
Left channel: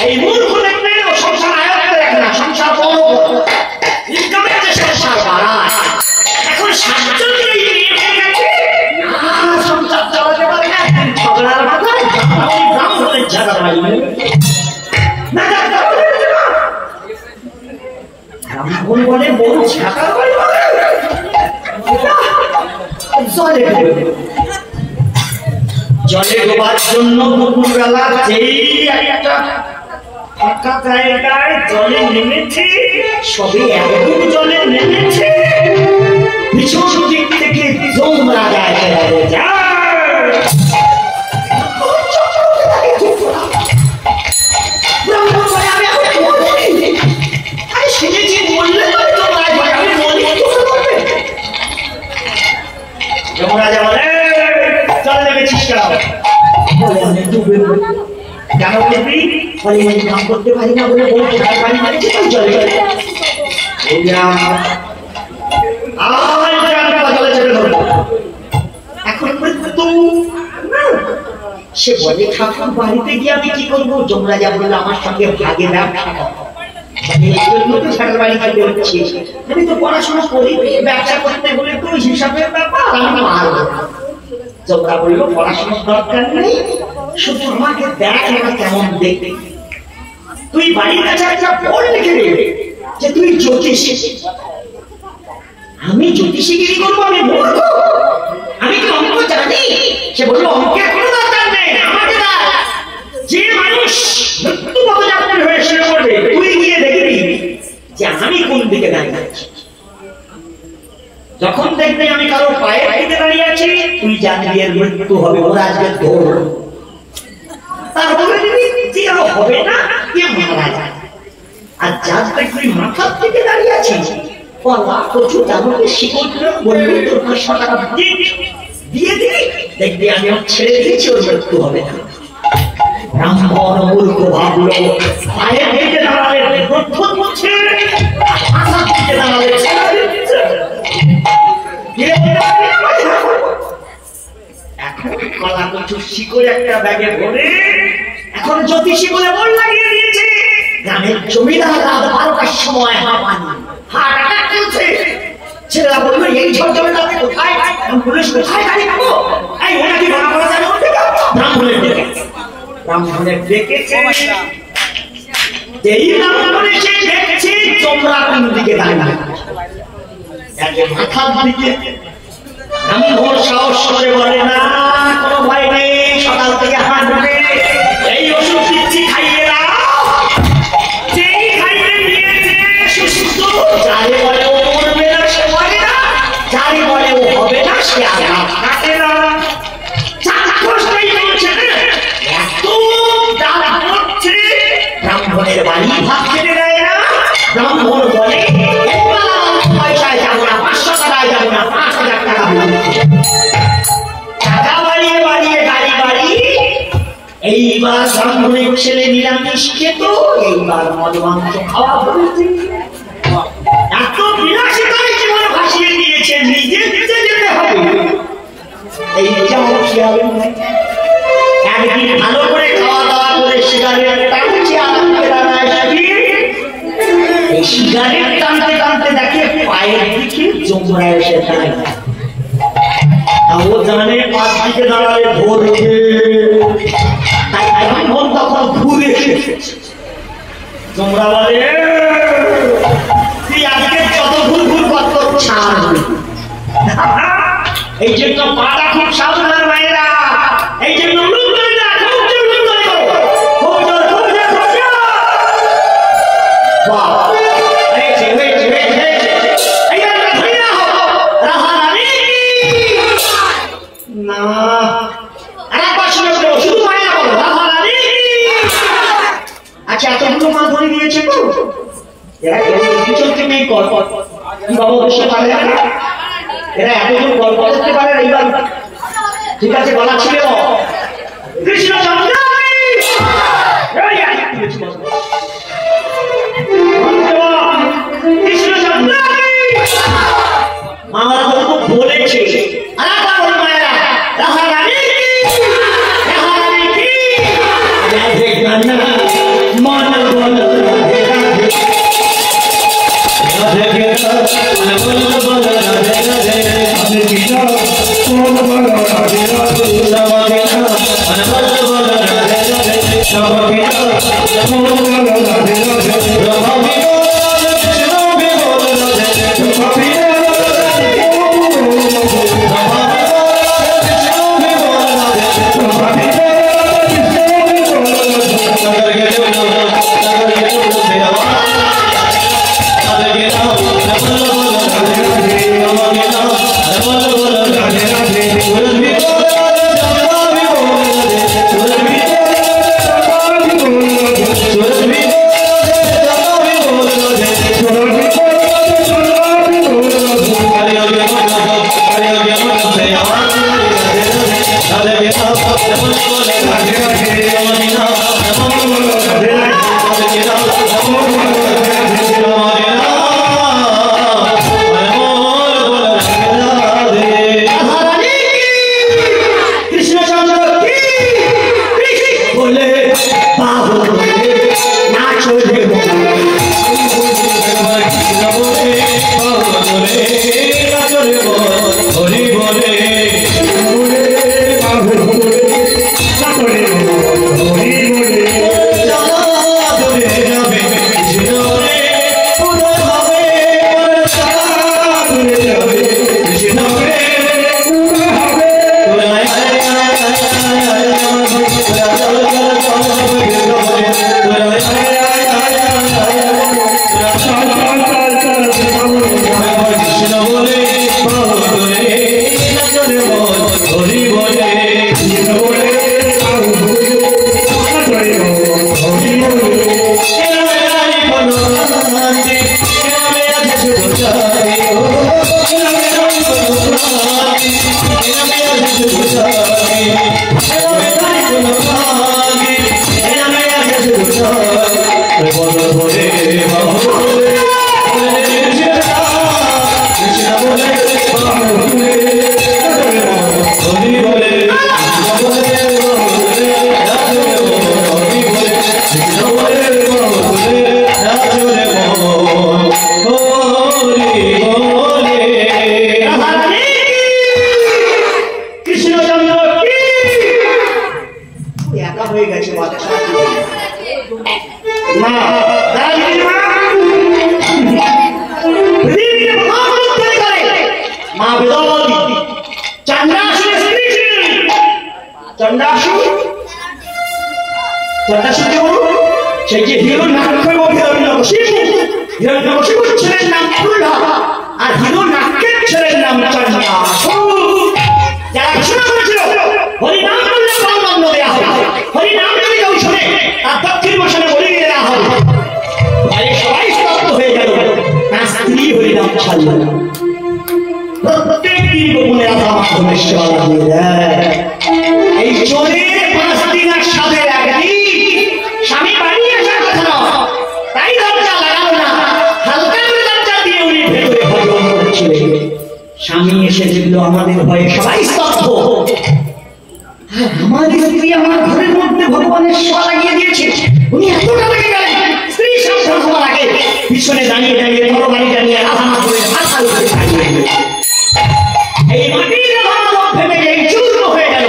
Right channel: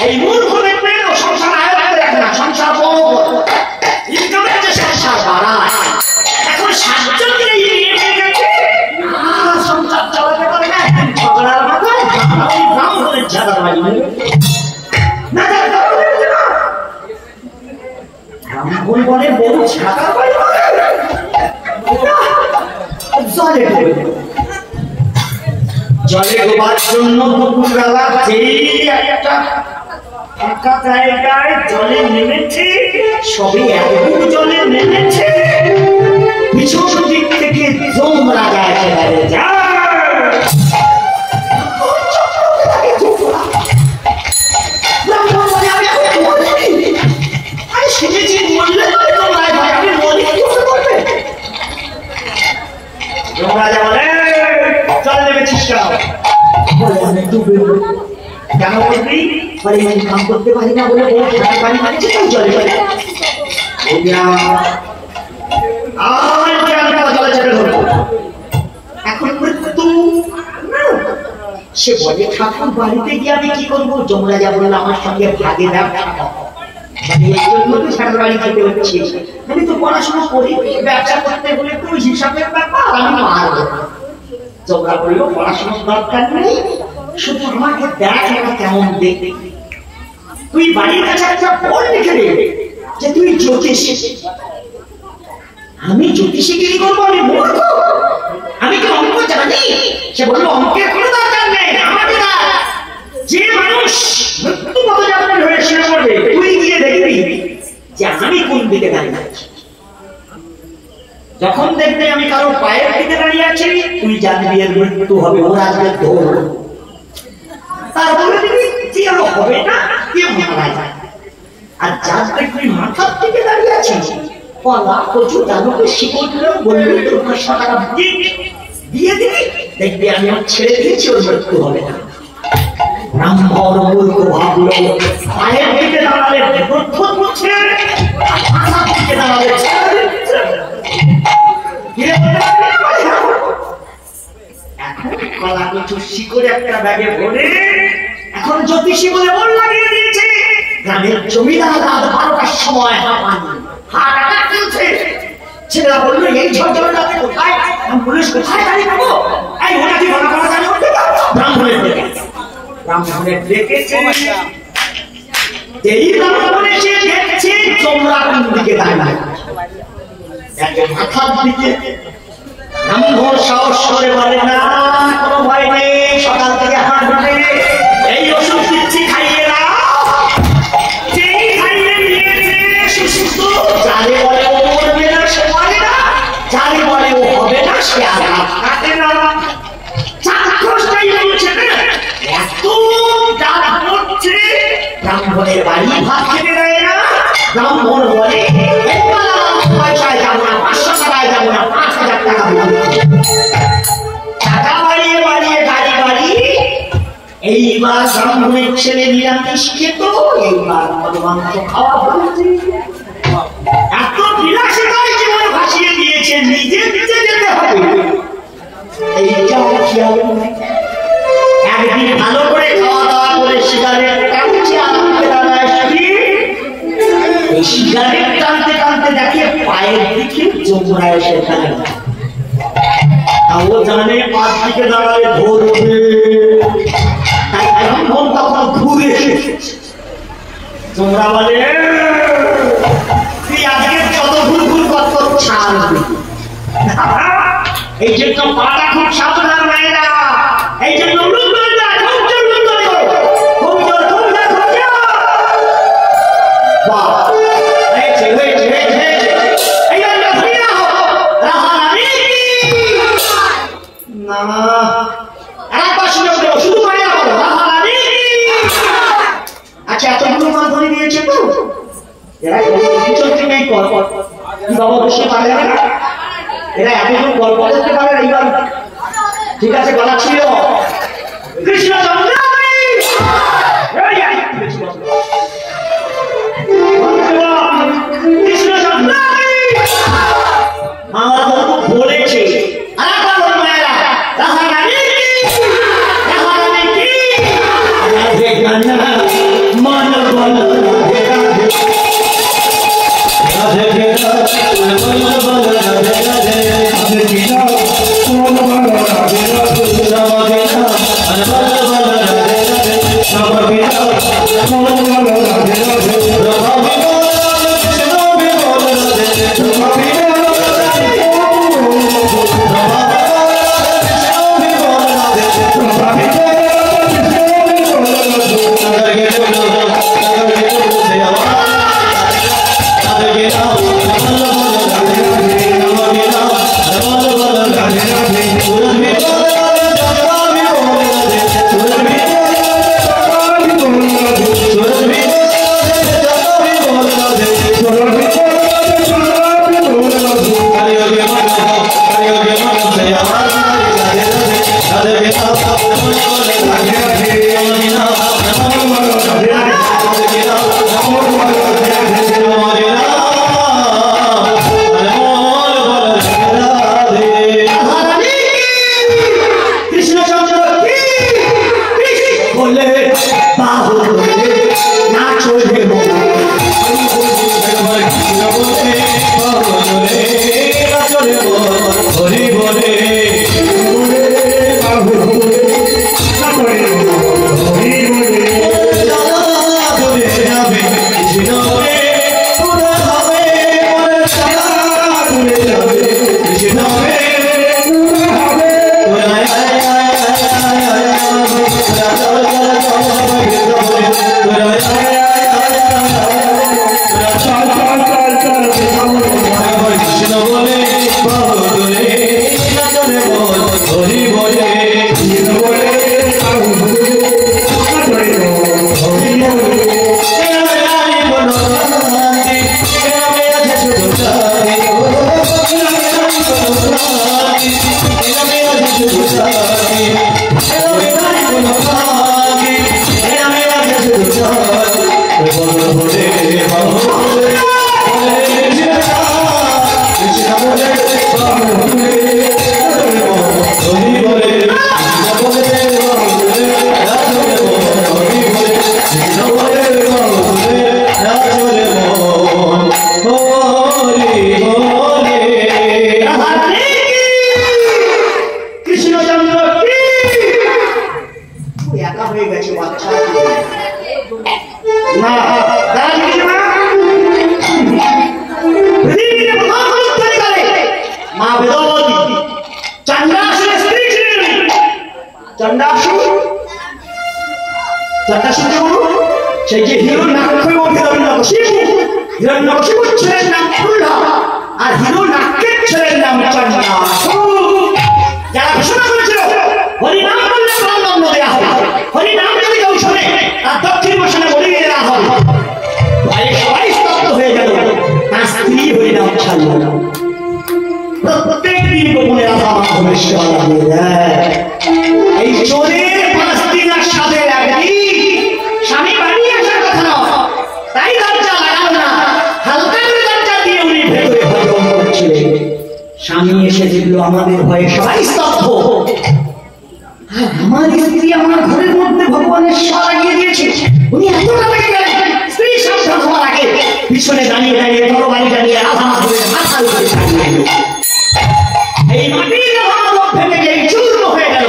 এই মূর্খ দেখবে ও সংসার আয়ত্তে রাখে না, সংসার বড় ইনকামের যে সংসার বাড়ায়। এখন 7 জন এই বিয়ে হয়ে গেছে, সংসার চালাতে পারে না, ঝগড়ার মাথায় ব্রাহ্মণের ঝগড়া লাগবে না, ব্রাহ্মণ বলে বউ ঝগড়া জলে ডোবার জন্য দুপুরবেলা যেই একটা ফাঁকা জায়গায় জলে নেমেছে, সবে একটু জলে নেমেছে, পিছন দিক থেকে জমরা গায়ে যায়। শুনেছি বললে যমরাজা বলে চলে নেমেছিস কেন বলবি? কাম করতে পারি না বলে বউ ঠাই পানি মারছে, তাই জলে জলে এখন মৃত্যু। সে বলে ঠাকুর বাড়িতে গিয়ে আমি কি করবো? যমরাজা বললো আমার সঙ্গে ভাগে ব্যবসা, আমি তো পড়াশোনা করি, ব্যবসা করতে গেলে তো হিসাবের ব্যাপার, আমি মারবো। তোমরা বললো পড়াশোনার দরকার নেই, শুধু আমাকে দেখ এরা কেমন দেখবে। তুই বাড়ির কাছে একটা বোর্ড লিখে দেবে যে তুই জ্যোতিষী। আমি জ্যোতিষীগিরি করবো? আমি মূর্খ, আমি কি অঙ্ক জানি? সে বললো অঙ্কের কোনো দরকার নেই, আমাকে যে মানুষ মৃত্যুগত যাত্রী হয়ে শুয়ে পড়বে তুই গিয়ে দেখবি যে আমি কোন দিকে দাঁড়িয়ে আছি। যখন দেখবে আমি কারো পায়ের দিকে দাঁড়িয়ে আছি তুই জানবি এর মৃত্যু হবে, ওর আজকে দৌড়। তার বলে দিবি যে আরো হবে না, কে মারা যায়। আর যার তুই মাথার দিকে দাঁড়িয়ে আছিস পলা প্রচুর দাঁড়িয়ে শিকড় বলবি তোর 500 টাকা দিয়ে দিবি, দেখবি আমি ওর ছেড়ে দিয়েছি, ওর মৃত্যু হবে না। ব্রাহ্মণ মূর্খ ভাবলো পায়ের দিকে দাঁড়ালে গ্রন্থ করছে, মাথার দিকে দাঁড়ালে কলা কচুর শিকড় একটা ব্যাগে ভরে এখন জ্যোতিষী বলে মন লাগিয়ে দিয়েছে। গ্রামের জমিদার রাত 12টার সময় হাট আঘাত চলছে। ছেলেরা বললো এই ঝড় রাতে কোথায়? পুলিশ কোথায় গাড়ি পাবো? এই ওরা কি মনে করা যায়? ব্রাহ্মণের ডেকে, ব্রাহ্মণের ডেকেছে। এই ব্রাহ্মণ এসে দেখছে তোমরা কোন দিকে দাঁড়িয়ে, মাথার দিকে। ব্রাহ্মণ সাহস করে বলে না কোনো ভয় নেই, সকাল থেকে হাঁটবে, এই ওষুধ দিচ্ছি খাইয়ে দাও। যেই খাইয়ে দিয়েছে সুস্থ, যারে বলে ও মরবে না সে মরে না, যারে বলে ও হবে না সে আঘাত কাটে না। এত ডাক পড়ছে, ব্রাহ্মণের বাড়ি ভাত খেতে দেয় না। ব্রাহ্মণ বলে পয়সায় যাবো না, 500 টাকায় যাবো না, 5000 টাকা টাকা বাড়িয়ে বাড়িয়ে গাড়ি বাড়ি। এইবার ব্রাহ্মণের ছেলে নিরামিষ খেত, এইবার মদ মাংস খাওয়া হয়েছে। এত বিলাসিতায় জীবন ভাসিয়ে দিয়েছে, নিজে নিজে যেতে হবে এইটাও খেয়াল নেই। একদিন ভালো করে খাওয়া দাওয়া করে সিগারেট টানছে, আনন্দে দাঁড়ায় এই সিগারেট টানতে টানতে দেখে পায়ের দিকে জমরা এসে ফেলে। ও জানে পাঁচ দিকে দাঁড়ালে ধরবে, তাই এখন তখন ঘুরে এসেছে। তোমরা বলে তুই আজকে যত ভুল এই জন্য পাটা খুব সাবধান মায়েরা, এই জন্য আচ্ছা এতগুলো মান ধরে দিয়েছে তো এরা চলছে নেই কর বাবা বসে পারে না, এরা এতজন গল্প করতে পারে এইবার ঠিক আছে গলা ছিল কৃষ্ণচন্দ্র মামারা তো বলেছে স্বামী এসে দেখলো আমাদের ভয়ে সবাই স্তব্ধ। আমার স্ত্রী আমার ঘরের মধ্যে ভগবানের সেবা লাগিয়ে দিয়েছে, উনি এতটা লেগে গেলেন স্ত্রী সাবধান হওয়ার আগে পিছনে দাঁড়িয়ে দাঁড়িয়ে তরবারি দাঁড়িয়ে রাধা মাধবের মাথা উপরে দাঁড়িয়ে এই মাটির রাধা মাধব ভেবে গিয়ে চূর্ণ হয়ে গেল।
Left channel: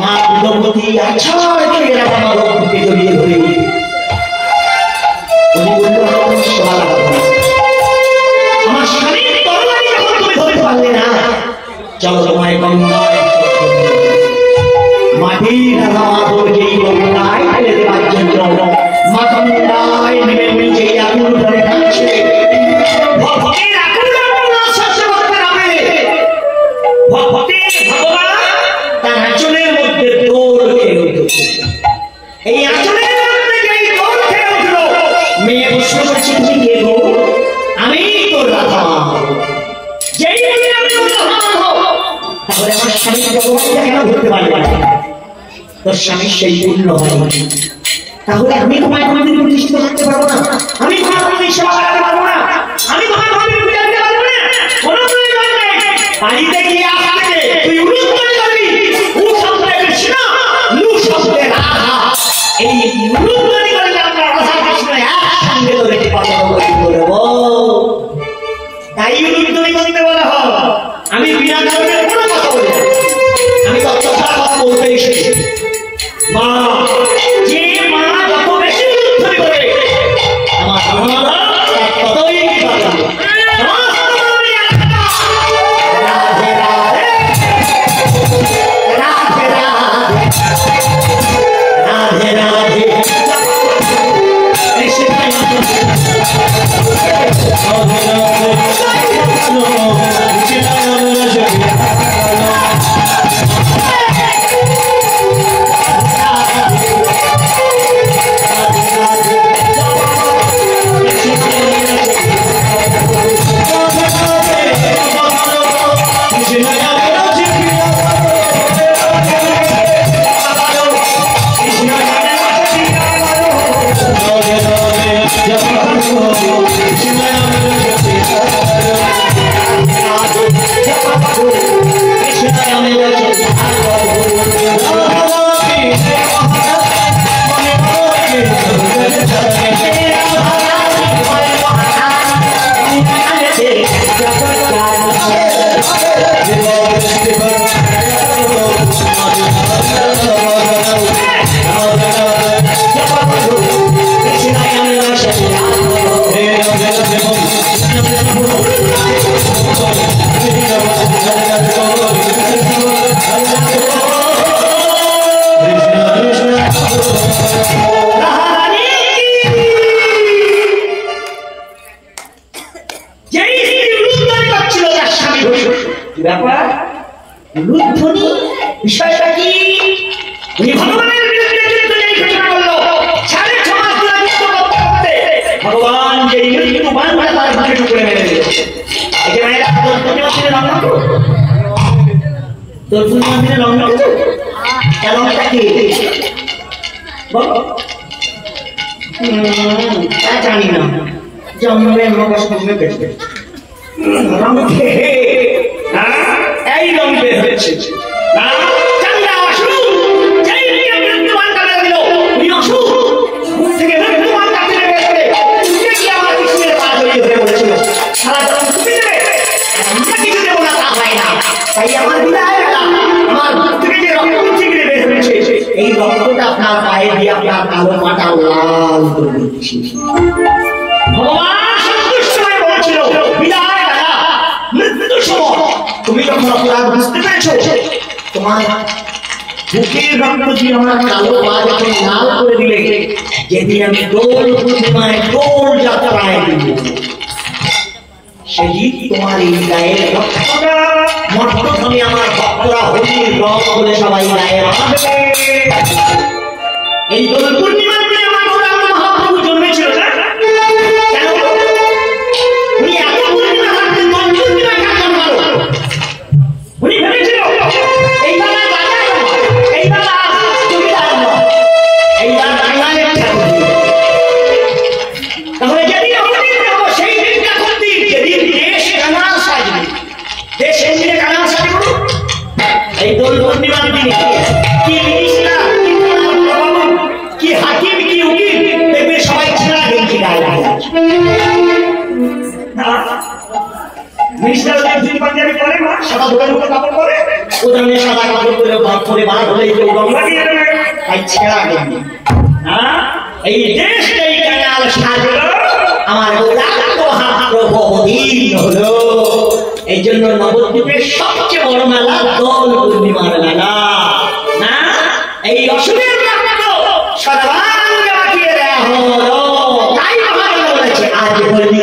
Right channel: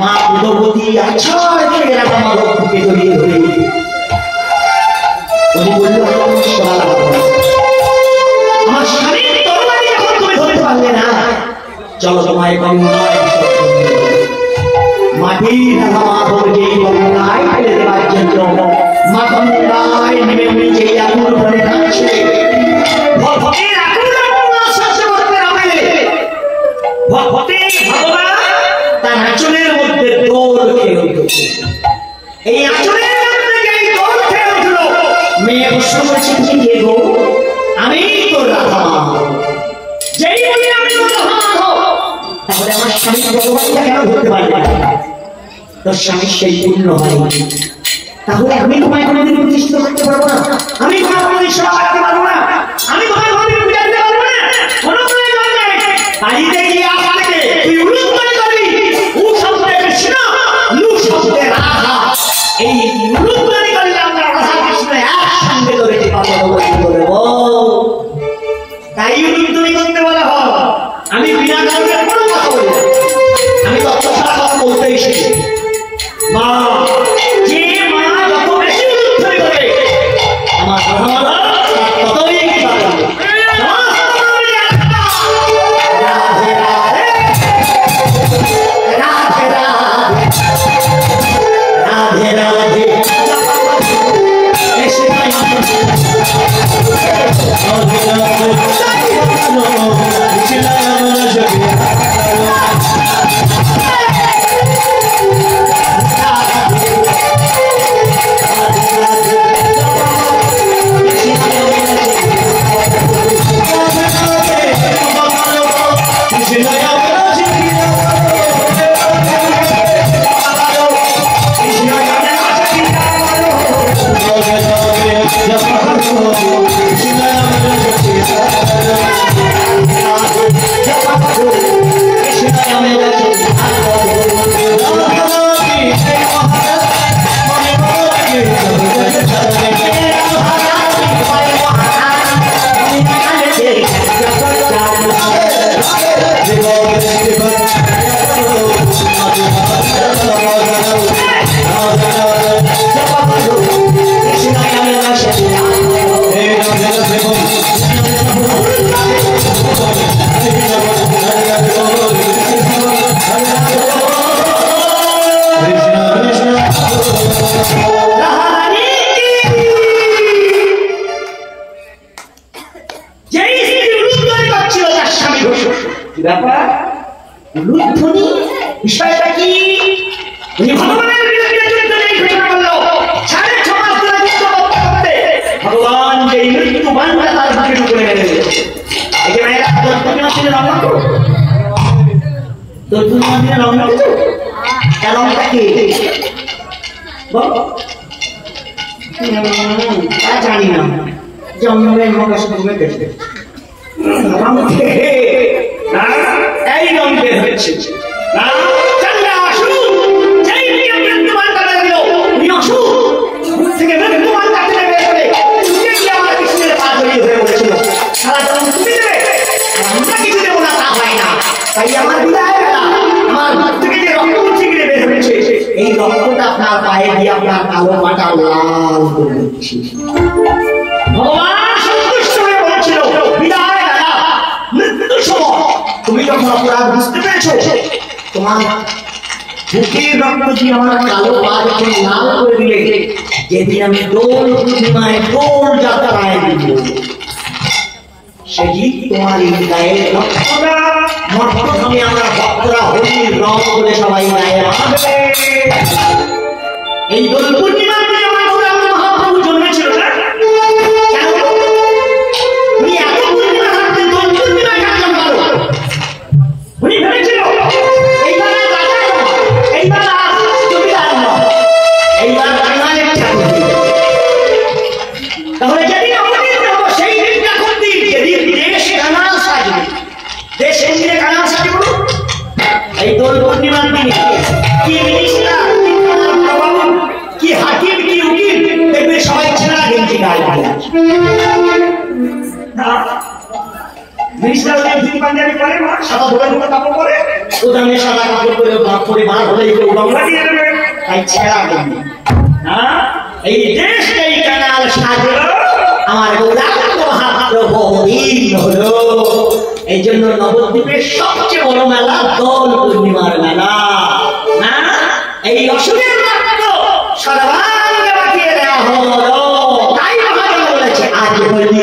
মা ভগবতী আচ্ছা করে রাধা মাধবকে জড়িয়ে ধরে উনি বলল আমার স্বামীর তরবারি যখন তুমি ধরতে পারলে না চলো তোমায় গঙ্গায় মাটির আমাদেরকে গঙ্গায় ফেলে দেওয়ার জন্য মা গঙ্গায় নেমে নিচে আগুন ধরে থাকছে। ভক্তের আগুন সহ্য করতে হবে। ভক্তের ভগবান তার আঁচলের মধ্যে দোল খেয়ে উঠেছে। এই আঁচলের মধ্যে যেই দোল খেয়ে উঠলো, মেয়ে বসে চিন্তিয়ে গো আমি তো রাধা, যেই বলি আমি তো রাধা, তাহলে আমার স্বামী ভগবানকে কেন ধরতে পারবে না? তোর স্বামীর সেই পূর্ণ হয়নি, তাহলে আমি তোমায় কোনোদিন প্রতিষ্ঠিত করতে পারবো না, আমি তোমার কোনোদিন সেবা করতে পারবো না, আমি তোমায় কোনোদিন পূজা দিতে পারবো না। কোনো তুমি বাড়িতে গিয়ে আপনাকে তুই উলুক করে করবি, উ শব্দে কৃষ্ণ, লু শব্দে রাধা। এই উলুক করে করলে আমরা রাধা কৃষ্ণ একসঙ্গে ধরে করবো। তাই উলুক তুমি করতে বলা হয়। আমি বিনা কারণে কোনো কথা বলি না, আমি তত্ত্ব ছাড়া কথা বলতে এসেছি। মা যে মা যত বেশি উলুধ্বনি করে আমার ততই বিষয়টা কি? ভগবানের বিরুদ্ধে যুদ্ধ এই ঘোষণা করলো। 6.5 মাস ধরে যুদ্ধ করতে করতে ভগবান যে মৃত্যু বান্ধা তার বুকে ঢুকে মেরে দিল। একে মেয়েরা তোর মন্দিরে রং মাখো, তোর মন্দিরে রং মাখো, তার রংটা কি বল? তা জানি না, জন্মের মগজ তুমি পেটে এই রং বের হচ্ছে। তাই আমার এই রক্তটা আপনার পায়ে দিয়ে আপনার কালো মাটা লাল করে দিচ্ছি। ভগবান সন্তুষ্ট হয়ে বলেছিল, বিদায় দাদা, মৃত্যুর সময় তুমি যখন অপরাধ বুঝতে পেরেছো, তোমার বুকের রক্ত দিয়ে আমার কালো পা যখন লাল করে দিলে, যেদিন আমি দোল পূর্ণিমায় দোল যাত্রায় দিব, সেদিন তোমার এই গায়ের রক্তটা মর্তধামে আমার ভক্তরা হোলির রং বলে সবাই গায়ে রাখবে। এই দোল পূর্ণিমার দিনে আমার মহাপ্রভু জন্মেছিল না? কেন উনি এত পূর্ণিমা থাকতেন, দোল পূর্ণিমায় কেন জন্মালো? উনি ভেবেছিল এইবার এইবার জমিদার নয়, এইবার বাঙালির ঠাকুর। তাহলে যেদিন আমাদের দেবো সেই দিনটা কোন দিন? যেদিন দেশ কানাল সাজবে। দেশ কোন দিনে কানাল সাজবে? এই দোল পূর্ণিমার দিনে কি মিনিস্টার, কি হাকিম, কি উকিল দেখবে সবাই ছেঁড়া গেঞ্জি গায়ে মিনিস্টার পাঞ্জাবি পরে না, সাদা ধোয়ার মতো কাপড় পরে, ওখানে সাদা কাপড় পরে পরে বার হলে গঙ্গা দিয়ে দেবে, তাই ছেঁড়া গেঞ্জি। এই দেশটাই কানাল সাজলো, আমার গৌরাঙ্গ মহাপ্রভু বহুদিন হলো। এই এই জন্য নবদ্বীপের সবচেয়ে বড় মেলা দোল পূর্ণিমার মেলা না। এই অসুরের সর্বাঙ্গে বাঁকিয়ে দেওয়া হলো। তাই মহাজন বলেছে আজ হোলি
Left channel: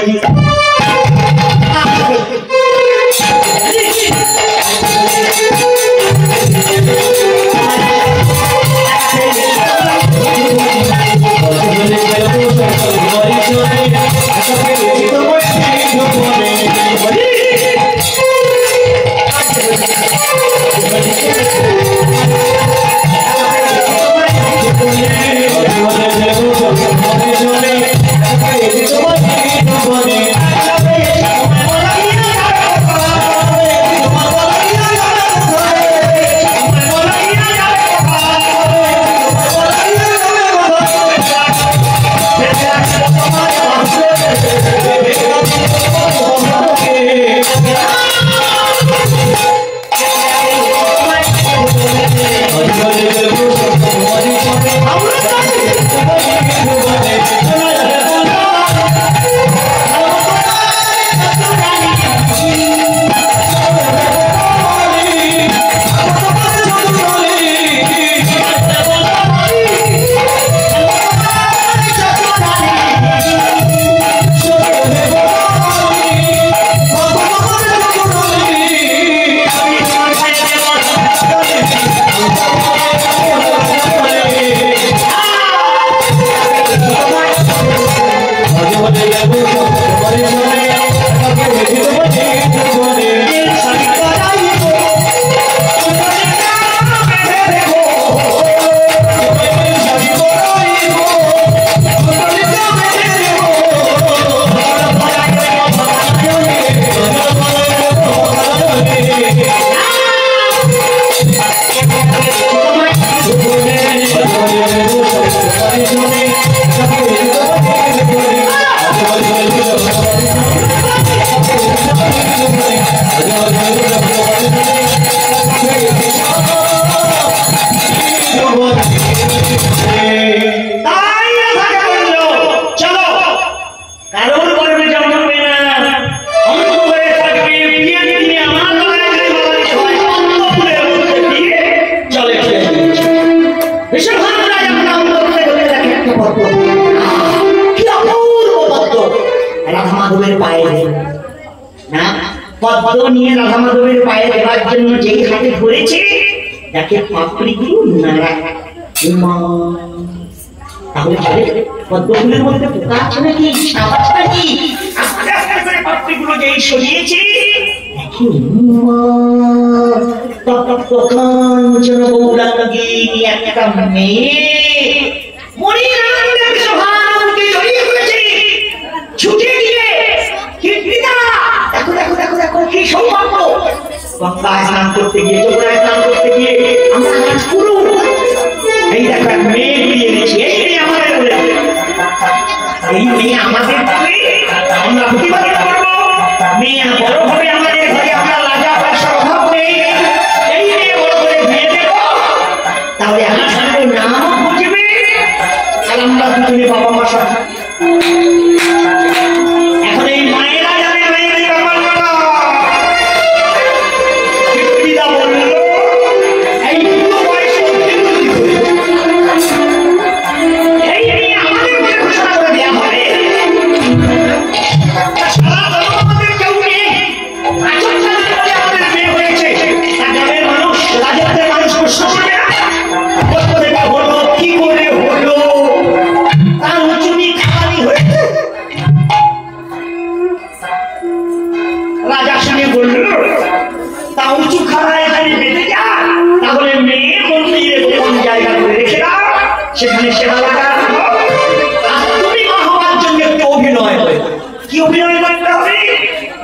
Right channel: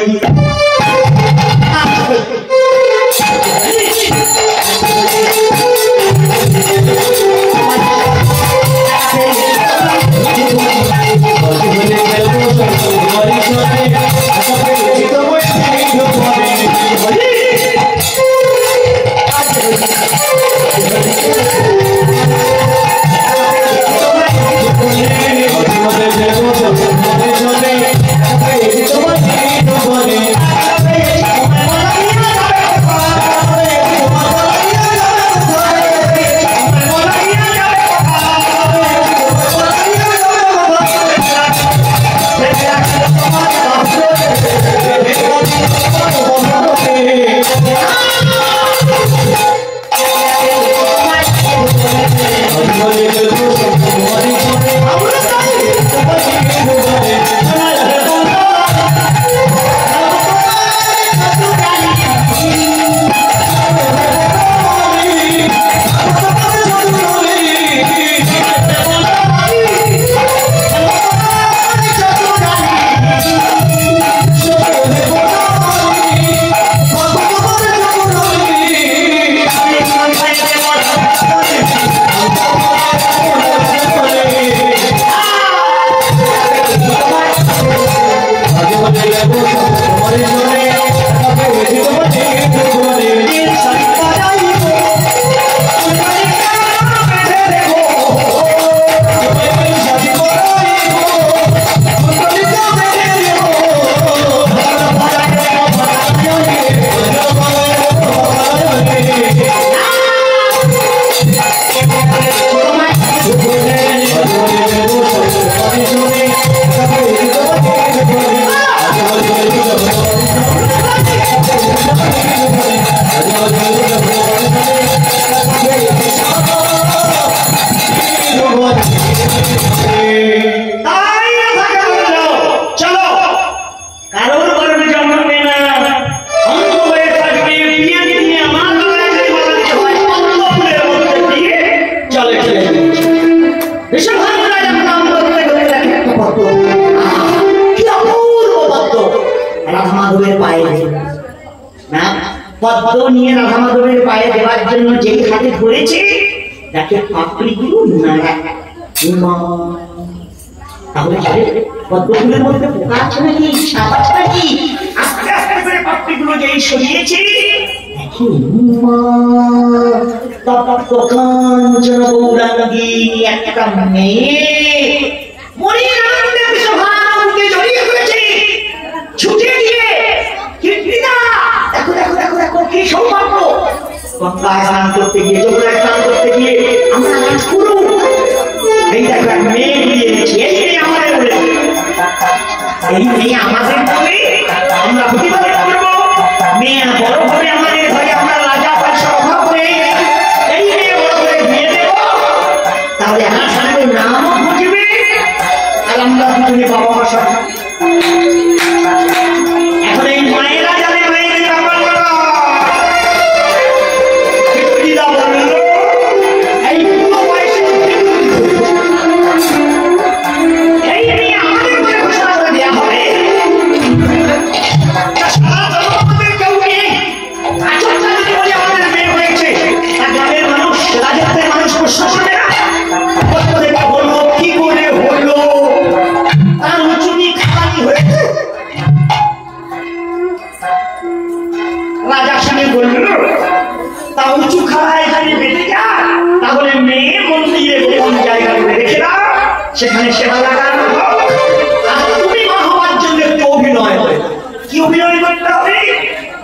পদ্ম নিয়ে রাধা মাধবের পায়ে দেওয়ার জন্য যেই হাতে ধরেছে তাকে পাপড়িগুলো নাড়া। তাহলে পদ্মগুলোর মধ্যে পোকা আছে নাকি, সাপ আছে নাকি? আস্তে আস্তে করে পাপড়িগুলো যেই সরিয়েছে দেখি তপ্তকাঞ্চন গৌরাঙ্গিনী একটা মেয়ে মনির আনন্দে বৃষভানুকে জড়িয়ে ধরেছে। ছুটে গিয়ে দেখো দেখো দেখো দেখো কি সৌভাগ্য! গঙ্গায় স্নান করতে গিয়ে, যমুনায় স্নান করতে গিয়ে আমরা পুরো এই দেখো এক মেয়ে বিয়ে এনেছি। এই মেয়ে আমাদের আমরা প্রতিবাদ করবো। মেয়ে বড় হবে আমাদের ঘরে, আমরা রাজা পয়সা অভাব নেই। এই মেয়ে বড় করে বিয়ে দেব, তাহলে আমার সঙ্গে নাম বুঝবে আর আমরা দুজনে বাবা মা সব। এখন এই মায়েরা যাবে মেয়েদের ব্যাপার বলল এই পুরো বয়সে এই আমাদের ঘোষণা করে দেওয়া হবে। রাজা শুনে বলল তা উঁচু খাওয়া এখানে বেঁধে যা, তাহলে মেয়ে মন্দিরে কোন জায়গায় রেখে দাও, সেখানে সেবা লাগানো। আর তুমি মা হওয়ার জন্য একটু অভিনয় করে, কি অভিনয় করতে হবে?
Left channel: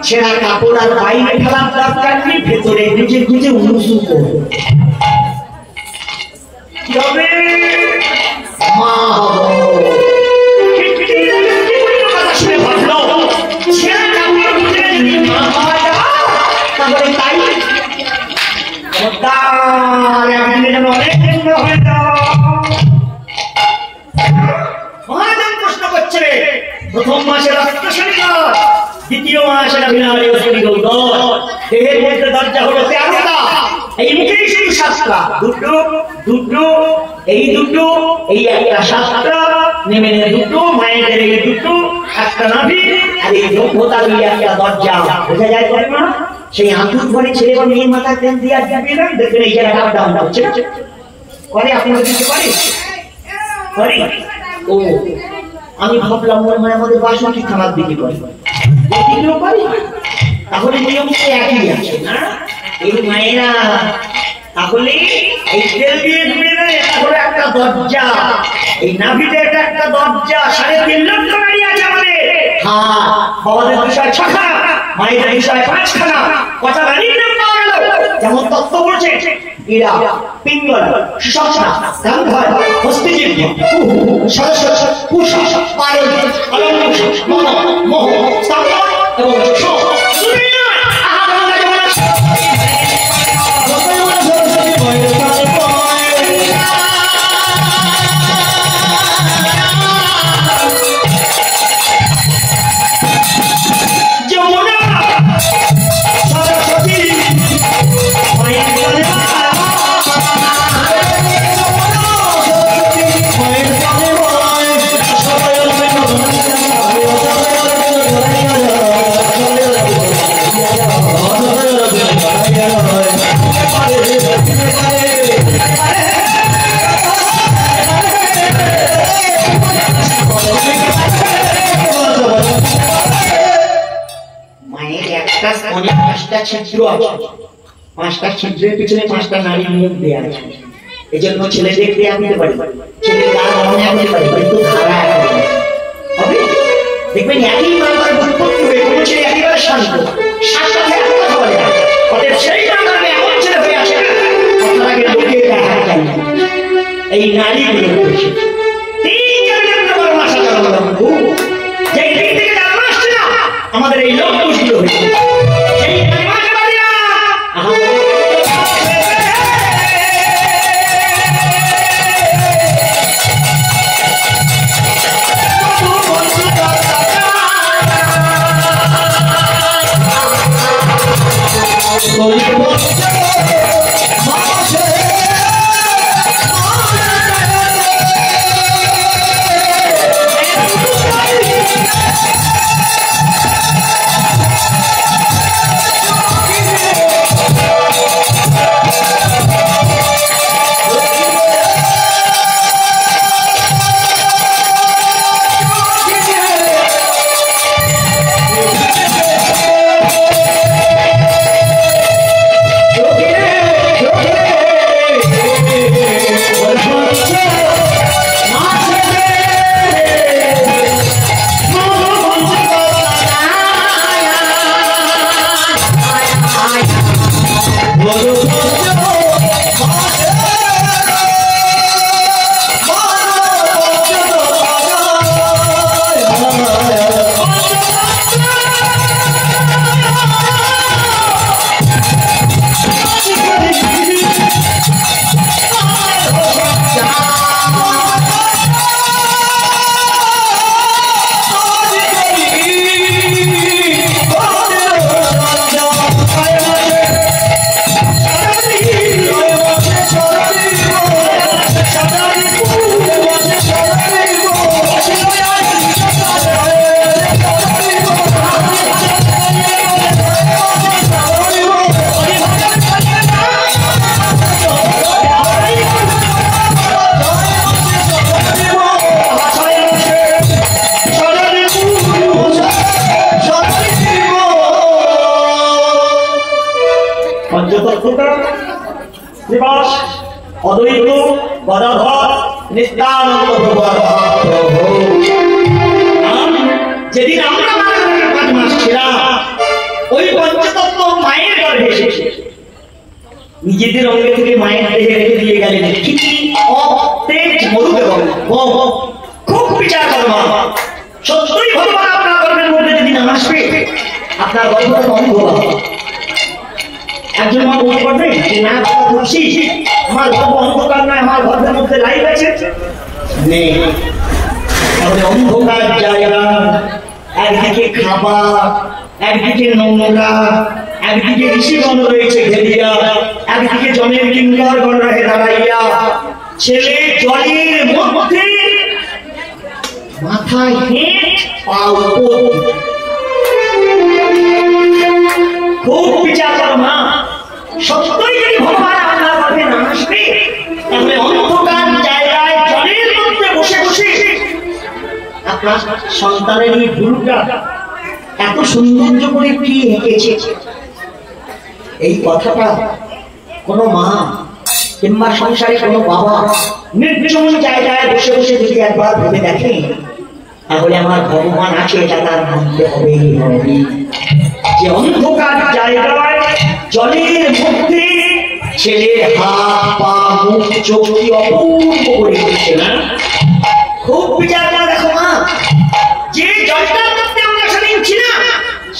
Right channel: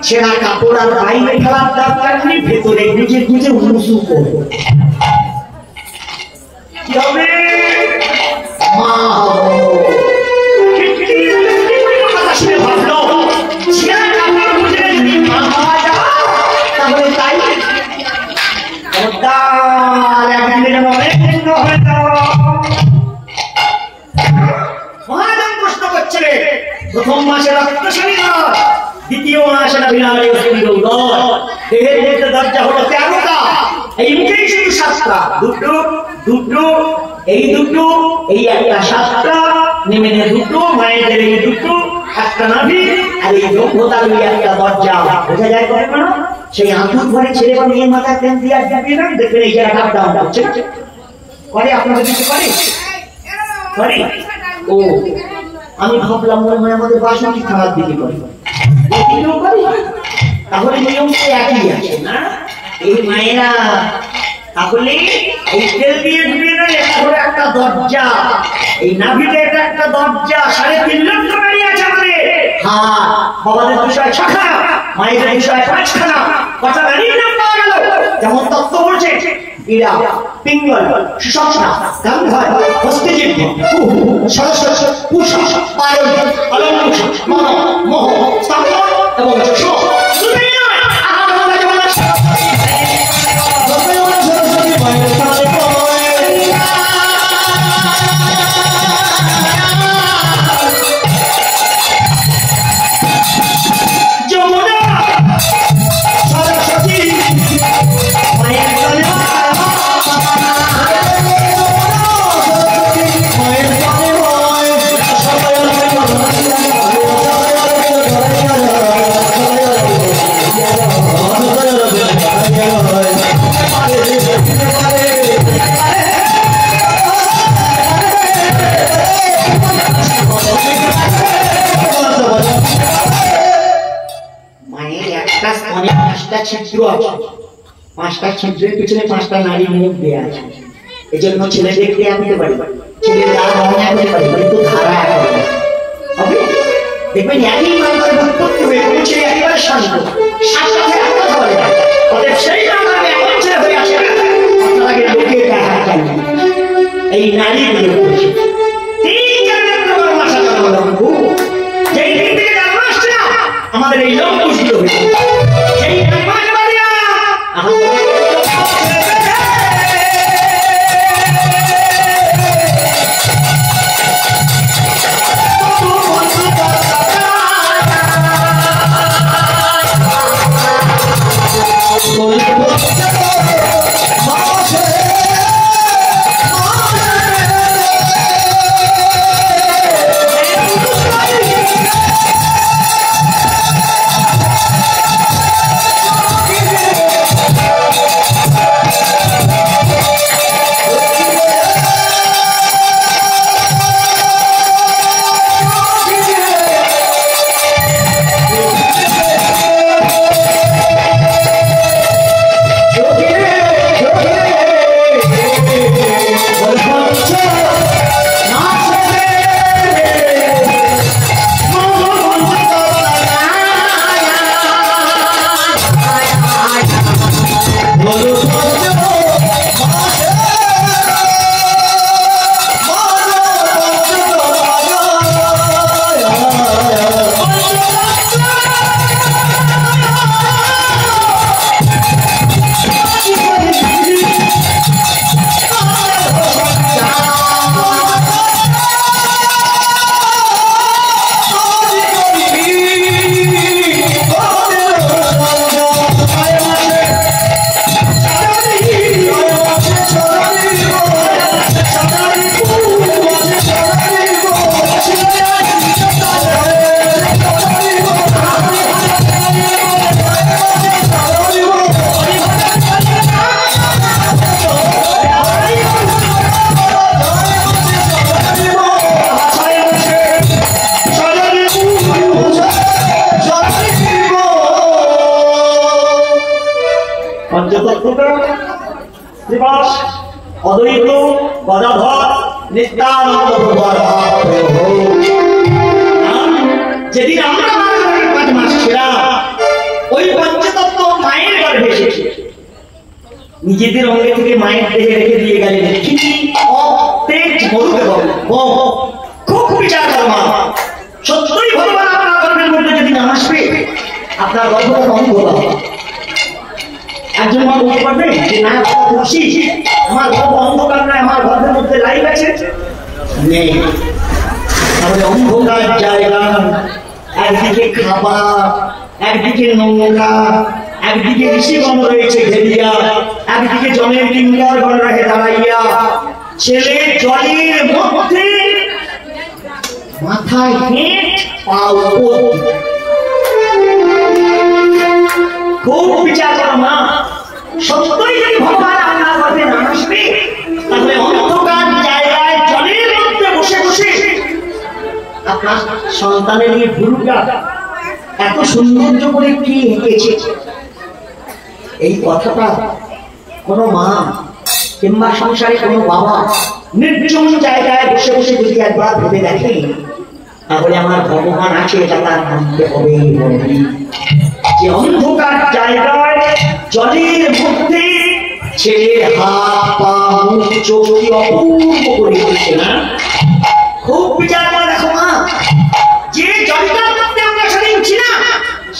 ছেঁড়া কাপড় আর বাইরে ফেলার দরকার নেই, ভেতরে গুজে গুজে উঁচু করো। কি হবে? মা হবো। কথা শুনে ভাবলো ছেঁড়া কাপড় গুজে যদি মা হওয়া যায় তাহলে তাই মহাজন প্রশ্ন করছে। প্রথম মাসে রক্তশালী, দ্বিতীয় মাসে দেহের মধ্যে দরজা হলো 13টা, এই মুখেই শুধু 7টা, দুটো দুটো, এই দুটো, এই একটা 7টা, নেমে দুটো, মায়েদের এই দুটো, একটা নাভি, আর এই ব্রহ্মতার একটা দরজা। বোঝা যায় করে না? সেই আঁতুর ঘরে ছেলে বা মেয়ের মাথায় তেল দিয়ে আর যাবে না, দেখবেন এই জায়গাটা ডাউন হচ্ছে করে। আপনাদের কিছু করে করে? ও আমি ভাবলাম মনে হয় আমাদের বাসন্তী খারাপ দিকে করে, তাহলে নিয়ম তো একই আছে না? এই মায়েরা তাহলে এই তেল দিয়ে ঢুকে নেয়, তাহলে একটা দরজা, এই নাভিতে এটা একটা দরজা, 3.5 লক্ষ নারী আছে আমাদের। হ্যাঁ, বাবাদের বিষয় 6খানা, মায়েদের বিষয় 5খানা। কটা নারীর নাম পাওয়া গেল? যেমন তত্ত্ব বলছে ইরা, পিঙ্গল, সুষমা, গান্ধার, হস্তজীব, সরস্বতী, পুষা, পায়ল, অলঙ্কুশ, মন, মোহ, স্তম্ভ এবং যশ। পাঁচটা ছিদ্রের পিছনে 5টা নারী মুখ দেয়া আছে। এই জন্য ছেলেদের ক্রিয়া দিতে পারি, ছেলে যারা মনে করতে পারি, কিন্তু ধারা হবে। দেখবেন একই নাম্বারে উৎপত্তি হয়ে কোনো ছেলে একেবারে শান্ত, 7টাতে এক কথা বলে না, অতএব সেই নাম্বারে এমন ছেলে হয়ে আসে না, আপনার আগে লোকে দেখা যায়। এই নারীগুলো বসে 3-4 নম্বর মাসা জন্ম, যেই দিন থেকে জন্ম আসছে না আমাদের এই লোক পুষগুলো হয়েছে। অদ্বৈত গদাধর নিত্যানন্দ প্রভু। যেদিন আমরা 5 মাস ছিলাম, ওই পঞ্চতত্ত্ব মায়ের গর্ভে এসেছে, নিজেদের অঙ্গে থেকে মায়ের দেহে রেখে দিয়ে গেলেন। খুব বিচার করবা, সত্যই ভগবান আপনার গর্ভের মধ্যে যদি না আসবে, আপনার গর্ভটা কম হবে। একজন মা বলতে পারবে যে না খুশি, আমার গর্ভ অন্ধকার নয়, আমার গর্ভের মধ্যে লাইট আছে নেই। তাহলে অন্ধকার জায়গা, একদিকে খাবার, একদিকে নোংরা, একদিকে ঋষিগণ রয়েছে ঘেরিয়া, একদিকে জলের কিঙ্করগণ রহে দাঁড়াইয়া। ছেলে জলের মধ্যে মাথা হেঁট পা উপর। খুব বিচার করো না, সত্যই যদি ভগবান আপনার পথে না আসবে তাহলে অন্ধকার জায়গায় জলের মধ্যে বসে বসে আপনার সন্তানের এই ভুরুটা এত সৌন্দর্য করে কি এঁকেছে। এই কথাটা কোনো মা কিংবা সংসারে কোনো বাবা নির্জন জায়গায় বসে বসে যদি একবার ভেবে দেখে তাহলে আমার ভগবান আছে এটা তার মানতে হবে। যে অন্ধকার জায়গায় জলের মধ্যে ছেলের হাত পা মুখ চোখ কি অপূর্ব করে দিচ্ছে না? খুব বিচার করে দেখো না, যে জলটার মধ্যে আমরা সেদিন ছিলাম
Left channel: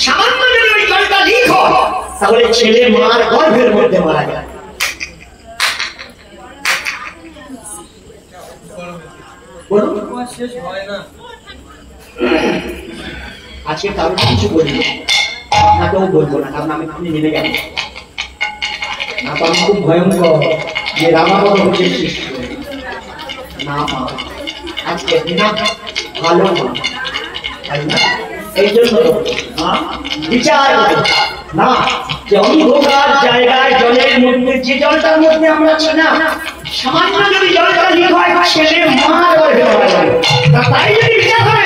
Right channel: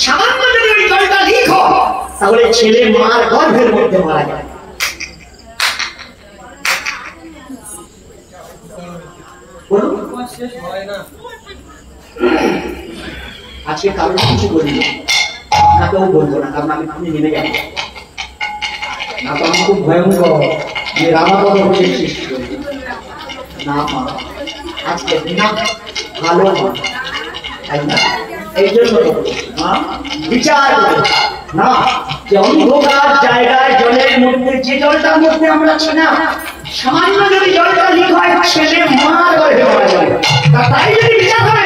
সামান্য যদি ওই জলটা লিক হয় তাহলে ছেলে মার গর্ভের মধ্যে মারা যায়। আজকে কারণ কিছু বলি আপনাকেও বলবো না, কারণ আমি আপনি নেমে যাবো না। তো আমি খুব ভয়ঙ্কর যে রামাপদ হচ্ছে সৃষ্টি না মা, আজকে না ভালো মা, এই জন্য বিচার না যে অন্ধকার জায়গায় জলের মধ্যে যে জলটার মধ্যে আমরা ছিলাম সামান্য যদি জলটা লিক হয় ছেলে মা গর্ভে মারা যাবে। তাই যদি বিচার করে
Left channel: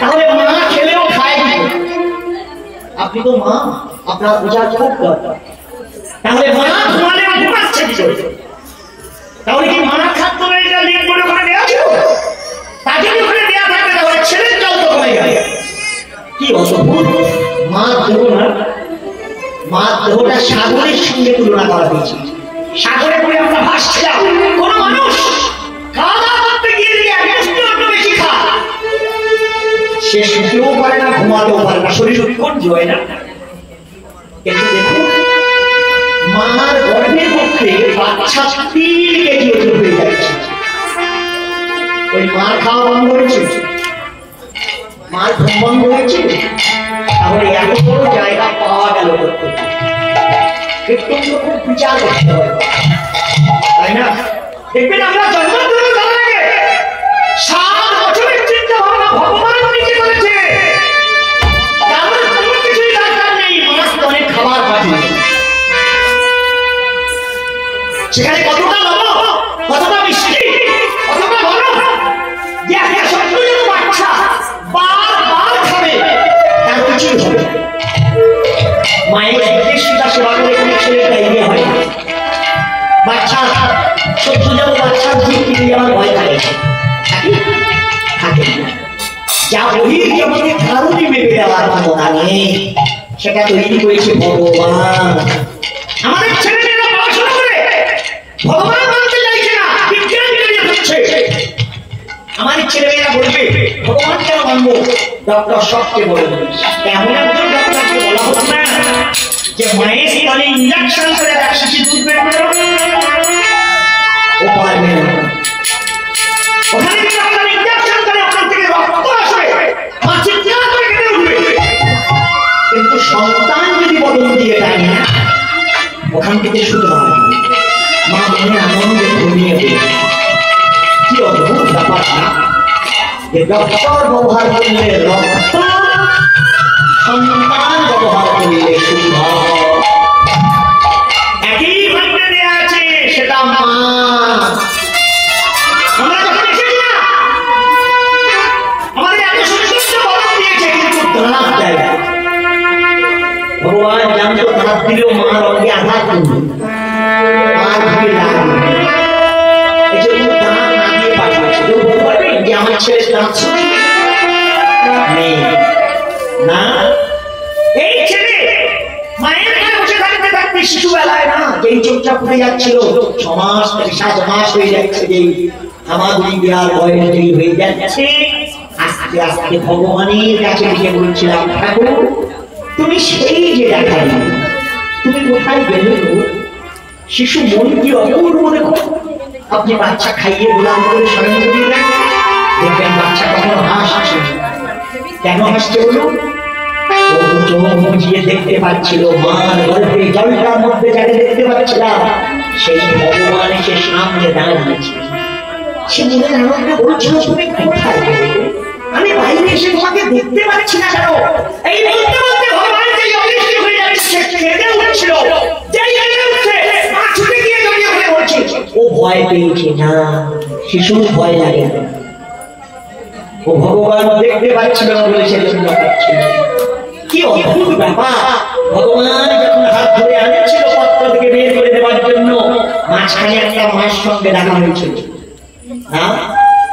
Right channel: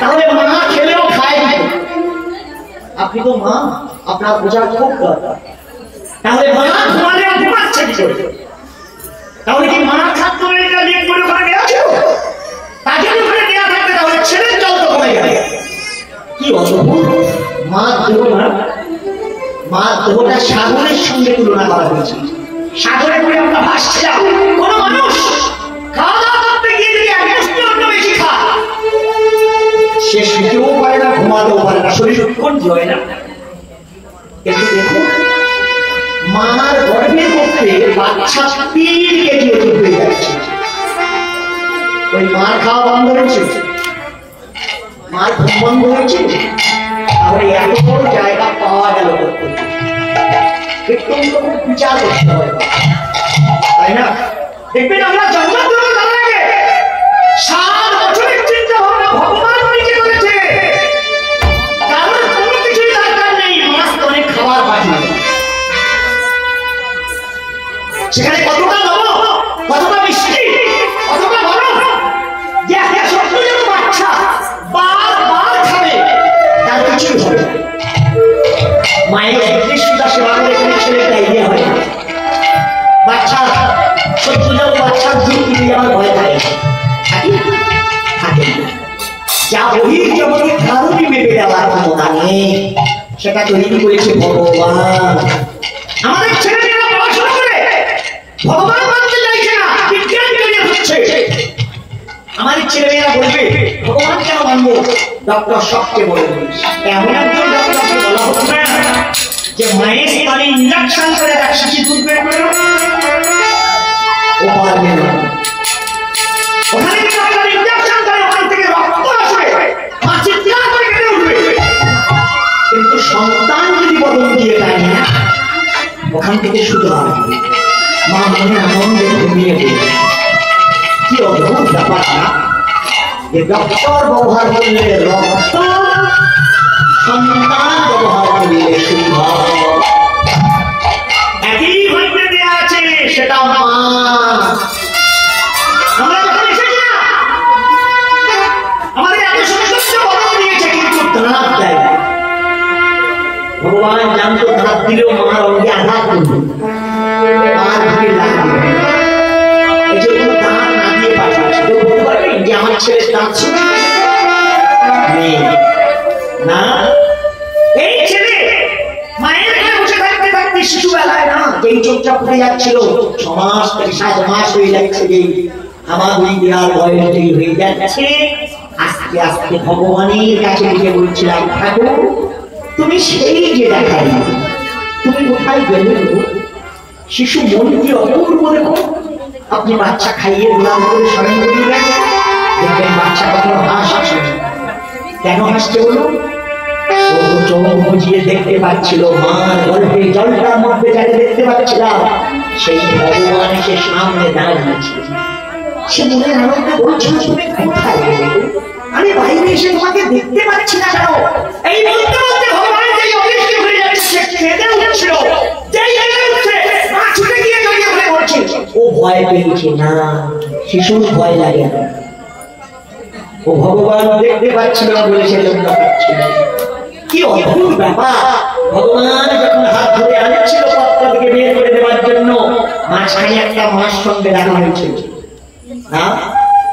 তাহলে মা ছেলেও খায়। আপনি তো মা, আপনার বোঝার খুব দরকার। তাহলে মা ঘুমালে ঘুমাচ্ছে কি করে? তাহলে কি মার খাদ্য এটা লিক করে ওখানে দেওয়া ছিল? তাকে ওখানে দেওয়া থাকবে তাহলে ছেলের জল তো কমে যাবে। কি অদ্ভুত! মার দেহ না, মার দেহটা সাগরের সঙ্গে তুলনা করা হয়েছে। সাগরে করে আমরা ভাসছিলাম, কোন মানুষ খাওয়া দাওয়া করতে গিয়ে যদি এক মুষ্টি অন্য বেশি খায় সে শুতেও পারে না, ঘুমাতেও পারে না, শরীর উৎকণ্ঠ হয় না। কিন্তু দেখুন মার গর্ভের মধ্যে বাচ্চা 3 কেজি ওজন হয়ে যাচ্ছে। ওই মার খাওয়া বন্ধ হয়েছে, মার ঘুম বন্ধ হয়েছে, তাহলে এত বড় জায়গা পাওয়া গেল করতে একটু খুব বিচার করতে হবে, তাই না? দেখবেন আমরা জন্মগ্রহণ করার আগে 7 বছরের চিন্তা ভাবনা ভগবান নিজে করেছে। তাহলে কোনো কিছুই দরকার নেই, মাছ অনেক খাবার পাঠিয়ে সেখানে কতটা লবণ, কতটা মিষ্টি, কতটা গরম, যে একটা সত্য যেন বাচ্চা বারবার খাবে তার কিছুই হবে। মায়ের একদিকে সুতা সেবা করে কোনো ছেলে ডায়রিয়া হয় না। বাচ্চা সত্য যেন বাচ্চার জীব কিনে যাওয়ার ভয় থাকে থাকে যা বহির জগতে কারণে ভেবে দেওয়ার ক্ষমতা নেই, সেটা তৈরি করেছে ভগবান। আমাদের ছেলেমেয়েরা পড়াশোনা করে ভগবান মানতে চাইছে না, বিজ্ঞান বেরিয়ে হচ্ছে। আমাদের ছেলেমেয়েরা বলবে ভগবান কেন মানবো? ডক্টর সবচেয়ে বড় জিনিস এমন একজন ডক্টরকে বলা হতো না যে মায়ের স্তনে ইঞ্জেকশন করে এক শিশু তুলবে, ও পারবে না। ওখানে ডক্টর ইঞ্জেকশন করে ওখান থেকে রক্ত আসবে, মা চিৎকার করে কেটে উঠবে। কিন্তু সন্তান যদি বদল দিয়ে দেয় না, ওখান থেকে শুধু হয় মা মনে আনন্দে ঘুমিয়ে পড়ে। কি অদ্ভুত ব্যাপার না যে ডক্টর ব্যবহার করলে রক্ত, সন্তান ব্যবহার করলে শুভ। একই ভাবে দেয়া আছে, সেটা মা। আমরা যখন এসেছিলাম আমাদের এত সুন্দর বদল দিয়েছে, কিন্তু ধাপ দেয় ভগবান জানতো ধাপ দিলেও মার অঙ্গে আঘাত করবে, মার ঘুরে লাগবে। এই জন্য দাঁত না দিয়ে পাঠিয়েছে। কেউ বলতে পারবেন যে আমার ছেলের দাঁত নেই না? এই ছেলে মায়ের এখানে বসে থাকতে থাকতে শিশুবেলায় না যেই চোখটা ফুটে যাচ্ছিল 6 মাস থেকে 7 মাস হয়ে যাচ্ছে, যেই আমার বিয়ার বয়স যেই হয়ে যাচ্ছে, আস্তে আস্তে ভগবানের কাছে গিয়ে বলছিলাম ঠাকুর তুমি সেই যে দেখাই, তুমি কোথায় গেলে? শিশু মন কি অপূর্ব দেখো। আপনি বাচ্চা খাইয়ে গোলাম করে স্মরণ করিলেন, দেখবেন বাচ্চা কখনো হাসছে। কেন হাসছে বলুন? চোখ বুঝিয়ে দেখতে পাচ্ছিল মার গর্ভে ওই জলটার মধ্যে যাকে দেখতে পাচ্ছিলাম সেই ভগবান সে সামনে দাঁড়িয়েছে। সে মনের আনন্দে বলছিল, তুমি কোথায় গেলে? আমি বাইরে এসে তোমাকে দেখতে পাচ্ছি না কেন? এই বলতে বলতে ভগবান যেই অদৃশ্য হয়ে যাচ্ছে, কেঁদে উঠছিল। যেই কেঁদে উঠছে, মা ছুটে গিয়ে জড়িয়ে ধরে বলছে, ও ভয় পেয়েছে না, শিশুর ভয় লাগে না। ও ভগবান দেখতে পাচ্ছিল না বলে সেজন্য পাচ্ছিল। কি অদ্ভুত ব্যাপার! ভগবান যখন হাত ধরে আনছিল পাত্র থেকে বের করে দেওয়ার জন্য, মাঝখানে একটা মাছ সঙ্গে রাখা হয়েছিল না,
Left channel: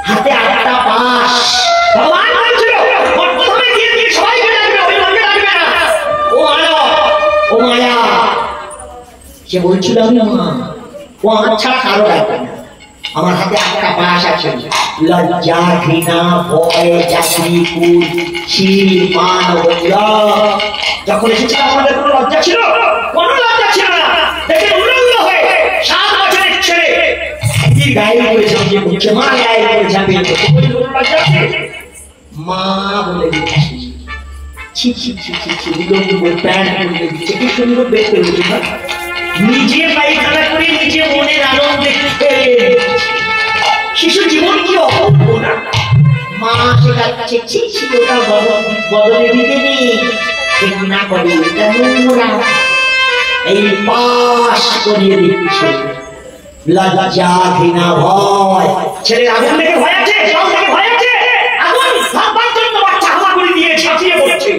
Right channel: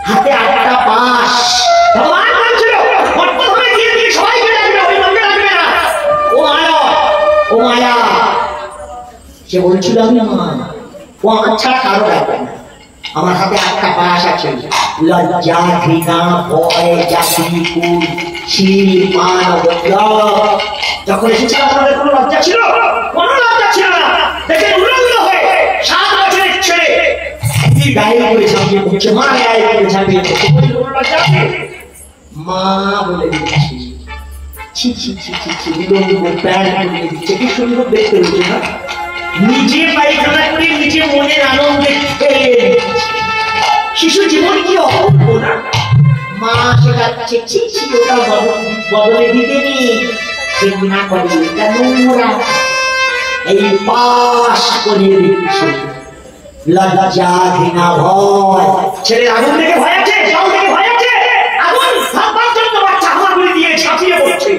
হাতে 8টা পাশ। ভগবান বলছিল, প্রথমে দিয়ে দিয়ে সবাইকে ডাকবে, ওই লোককে ডাকবে না। ও মায়া, ও মায়া। সে বলছিল, আমি মা, ও আমার ছাড়া কারো ডাকবে না। আমার হাতে 8টা পাশ আছে, লজ্জা, ঘৃণা, ভয়, জাতি, কুল, শিল, মান, যখন এসেছিল আমাদের কোনো লজ্জা ছিল? কোনো লজ্জা ছিল না। দেখে উলঙ্গ হয়ে 7 বছরের ছেলে গায়ে করে ঝাঁপিয়ে পড়ছে, মা গায়ে করে ঝাঁপিয়ে পড়ছে, মা বলে দিচ্ছি। ছি ছি ছি ছি ছি, উলঙ্গ প্যান্ট করে দিচ্ছে, কি সুন্দর দেখতে হয়েছে না? নিজে পায়খানা করে নিজে মনের আনন্দে খেয়ে শিশু জীবন কি অপূর্ব না? মা শেখাচ্ছে, ছি ছি, ওটা বদলে দিতে নেই, ঠিক না করে এটা নোংরা। এই পাশ করিয়ে দিচ্ছে, লজ্জা, ঘৃণা, ভয়। ছেলে আগুন দেখে ভয় আছে, জল দেখে ভয় আছে, আগুন ভাববার জন্য বাচ্চা হামা করে দিয়ে ছাপিয়ে পড়ছে।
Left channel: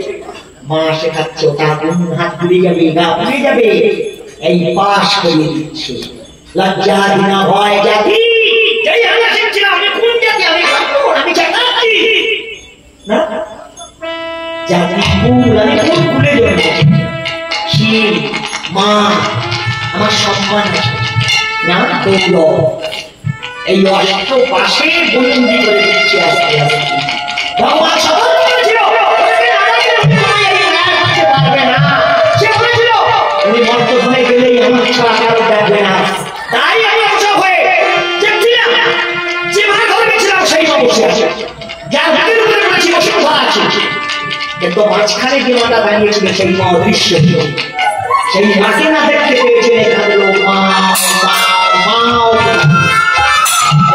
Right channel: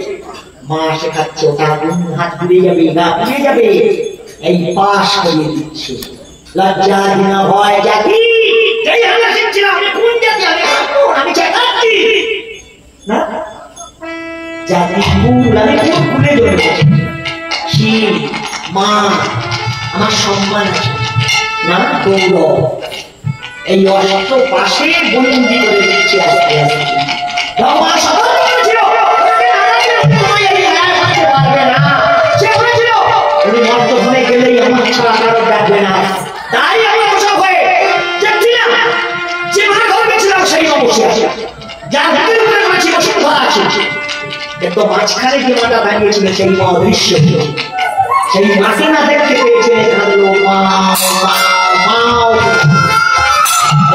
মা শেখাচ্ছে, ওটা আগুন, হাত পুড়ে যাবে, গা পুড়ে যাবে। এই পাশ করিয়ে দিচ্ছে, লজ্জা, ঘৃণা, ভয়, জাতি। যেই আমরা শিখছিলাম, আমি কোন জাতি, আমি জাতি না, জাতি কুল, আমি কোন কুলে জন্মেছি? শিব, মা, আমার সম্মান আছে না, গৌরব। এই অষ্ট পাশে বন্দি করে দিচ্ছে আস্তে আস্তে। ভগবান সতর্ক করেছিল, মর্তভূমে গেলেই আমার ছাড়া কারো ডাকবে না। তাই আমি অবসর হয়ে দেখছিলাম, যে মার ঘরে গেছিলাম সেই অবশ্যই আছে, যার হাতের উপরে বলেছি বসুন্ধরা আছে, কিন্তু মাঝখানে যে মাটা দাঁড়িয়েছিল সেই মা অদৃশ্য ছিল। সেই মাকে না দেখতে পেয়েছে, এখানে লোক মা মা,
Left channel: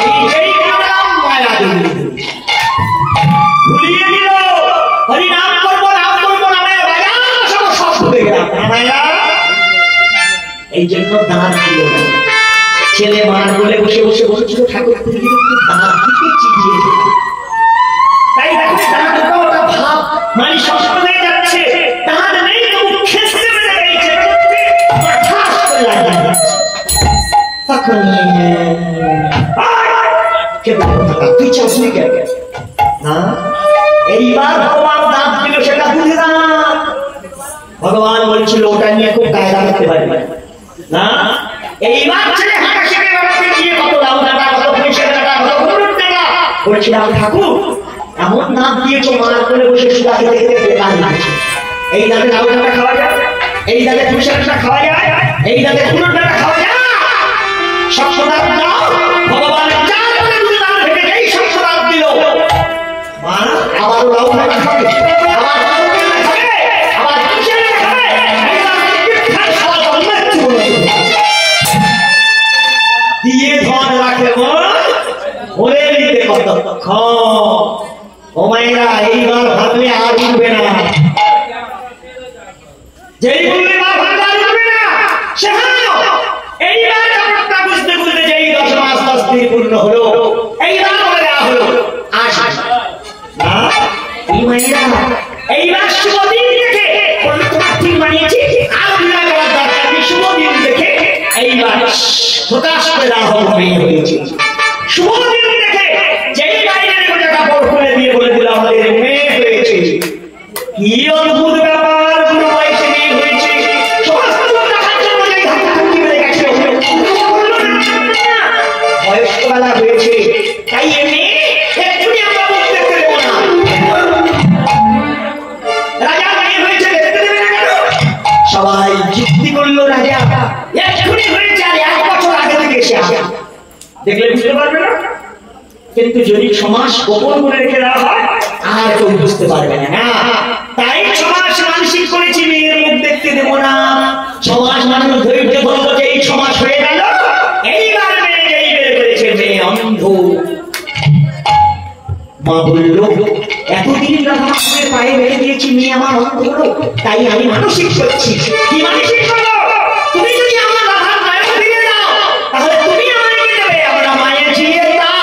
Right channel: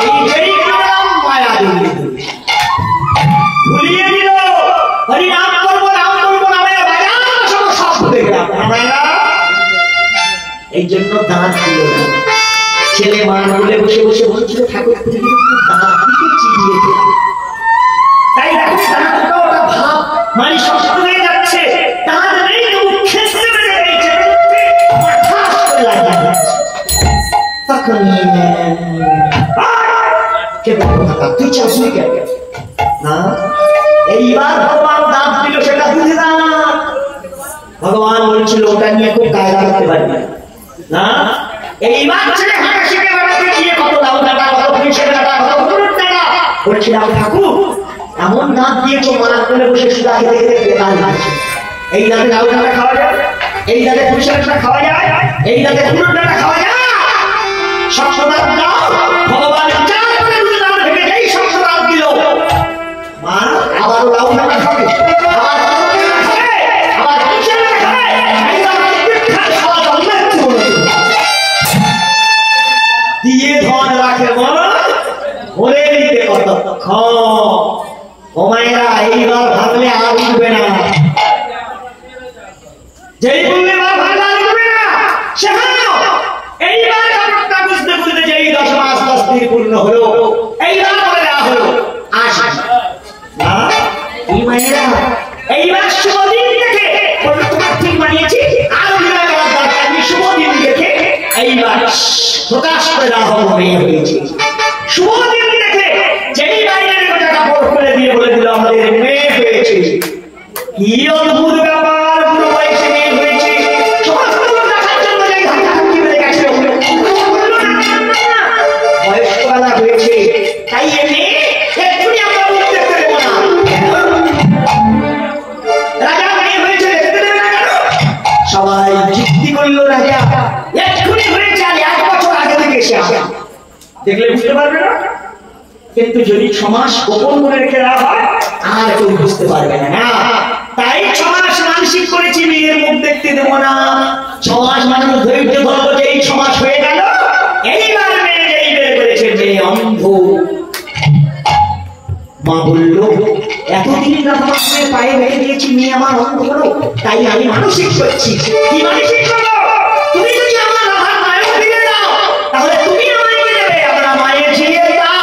এই যেই নাম মায়া দেবী ভুলিয়ে দিল, হরি নাম করবো, নাম করবো না, মায়া বাজার সব ভুলে গেলাম। মায়া এই জন্য দাঁত দিল না। ছেলে মান বলে বসে বসে বসেছিল, ঠাকুর দাঁত দিকে চিবিয়ে দিল। তাই দেখো দাঁতটা ওটা ভাব মানে সবসময় যাচ্ছে, দাঁত নেই তবু খেতে বেড়ে গেছে, ঠাস করে লাগিয়ে যাচ্ছে। তখন তুই চাষি কে না, এইবার ভগবান দাঁত দিল, সেটা বুঝে না। ভগবান বলছিল, ওটা নিয়ে খুব কায়দা করতে পারবে না। এইবার ছেলে হাঁটা শিখে বেড়াতে গিয়ে কত লাউ ডাটা, কত পুঁইশাক ডাটা, কত হলুদ ডাটা বলছিলাম, ঠাকুর এমন দাঁত দিয়েছো, মার করে বসে সুদা খেতে খেতে বেকার লাগছে। এই দাঁতে লাউ ডাটা খাওয়া যায়, এই দাঁতে পুঁইশাক ডাটা খাওয়া যায়, এই দাঁতে হলুদ ডাটা খাওয়া যায়। শক্ত দাঁত দাও, ভগবান চার করে দুটো দাঁত থেকে যেই শক্ত দাঁত দিল, মা আবারও লাউ ডাটা খাবে, আবার দিয়ে ধন রাখে বলে দিতে কতক্ষণ। ও মায়েরা, এইবার ভাবলে আর উঠবে না, যেই বললে মা ভাবলে আর উঠবে না। সে এইবার ব্যাপারটা বুঝতে বুঝতে যেই 10 মাস 10 দিন পূর্ণ হলো, এইবার বলে দেওয়া হলো আস না। এই মায়েরা, এইবার শুভ দিন দেখে তোমার ঠিক বানিয়েছি, আর অভিনয় করার দরকার নেই। শুভ দিন দেখে এইবার প্রকাশ করে দেওয়া হয়েছে। শুভ দিন দেখে যেই বাইরে একটা কাপড় খুলে দিয়ে বলে দিল, আমাদের মেয়ে হয়েছে। কি অদ্ভুত ব্যাপার, পুরো বয়সে মেয়ে হয়েছে। বয়স্কবেলা হয়েছে, তাই এমনি এক্ষুনি আমরা মুখ দেখতে দেবো না। রাজা মেয়ে হয়েছে, দেখতে দেবে না কেন? সবাই যুক্তি করলো, রাজা এক্ষুনি হয়েছে, আর 1 বছর আগে থেকে এসে আসে, দেখলে বুঝতে পারবে না। কিন্তু যদি 6 মাস গোপন করে রেখে দেওয়া হয়, আর কেউ বুঝতে পারবে না। তাই 6 মাস মানসিক করেছি, মেয়ের মুখ দেখতে দেবো না। 6 আমার অন্ত করো, তাই আমি মানসিক করছি। কি মানসিক করো? তুমি যদি আমার রাধার মায়ের ফিরে দাও, তাহলে তুমি আমায় দেবে, আমরা মায়ের ফিরে দাও।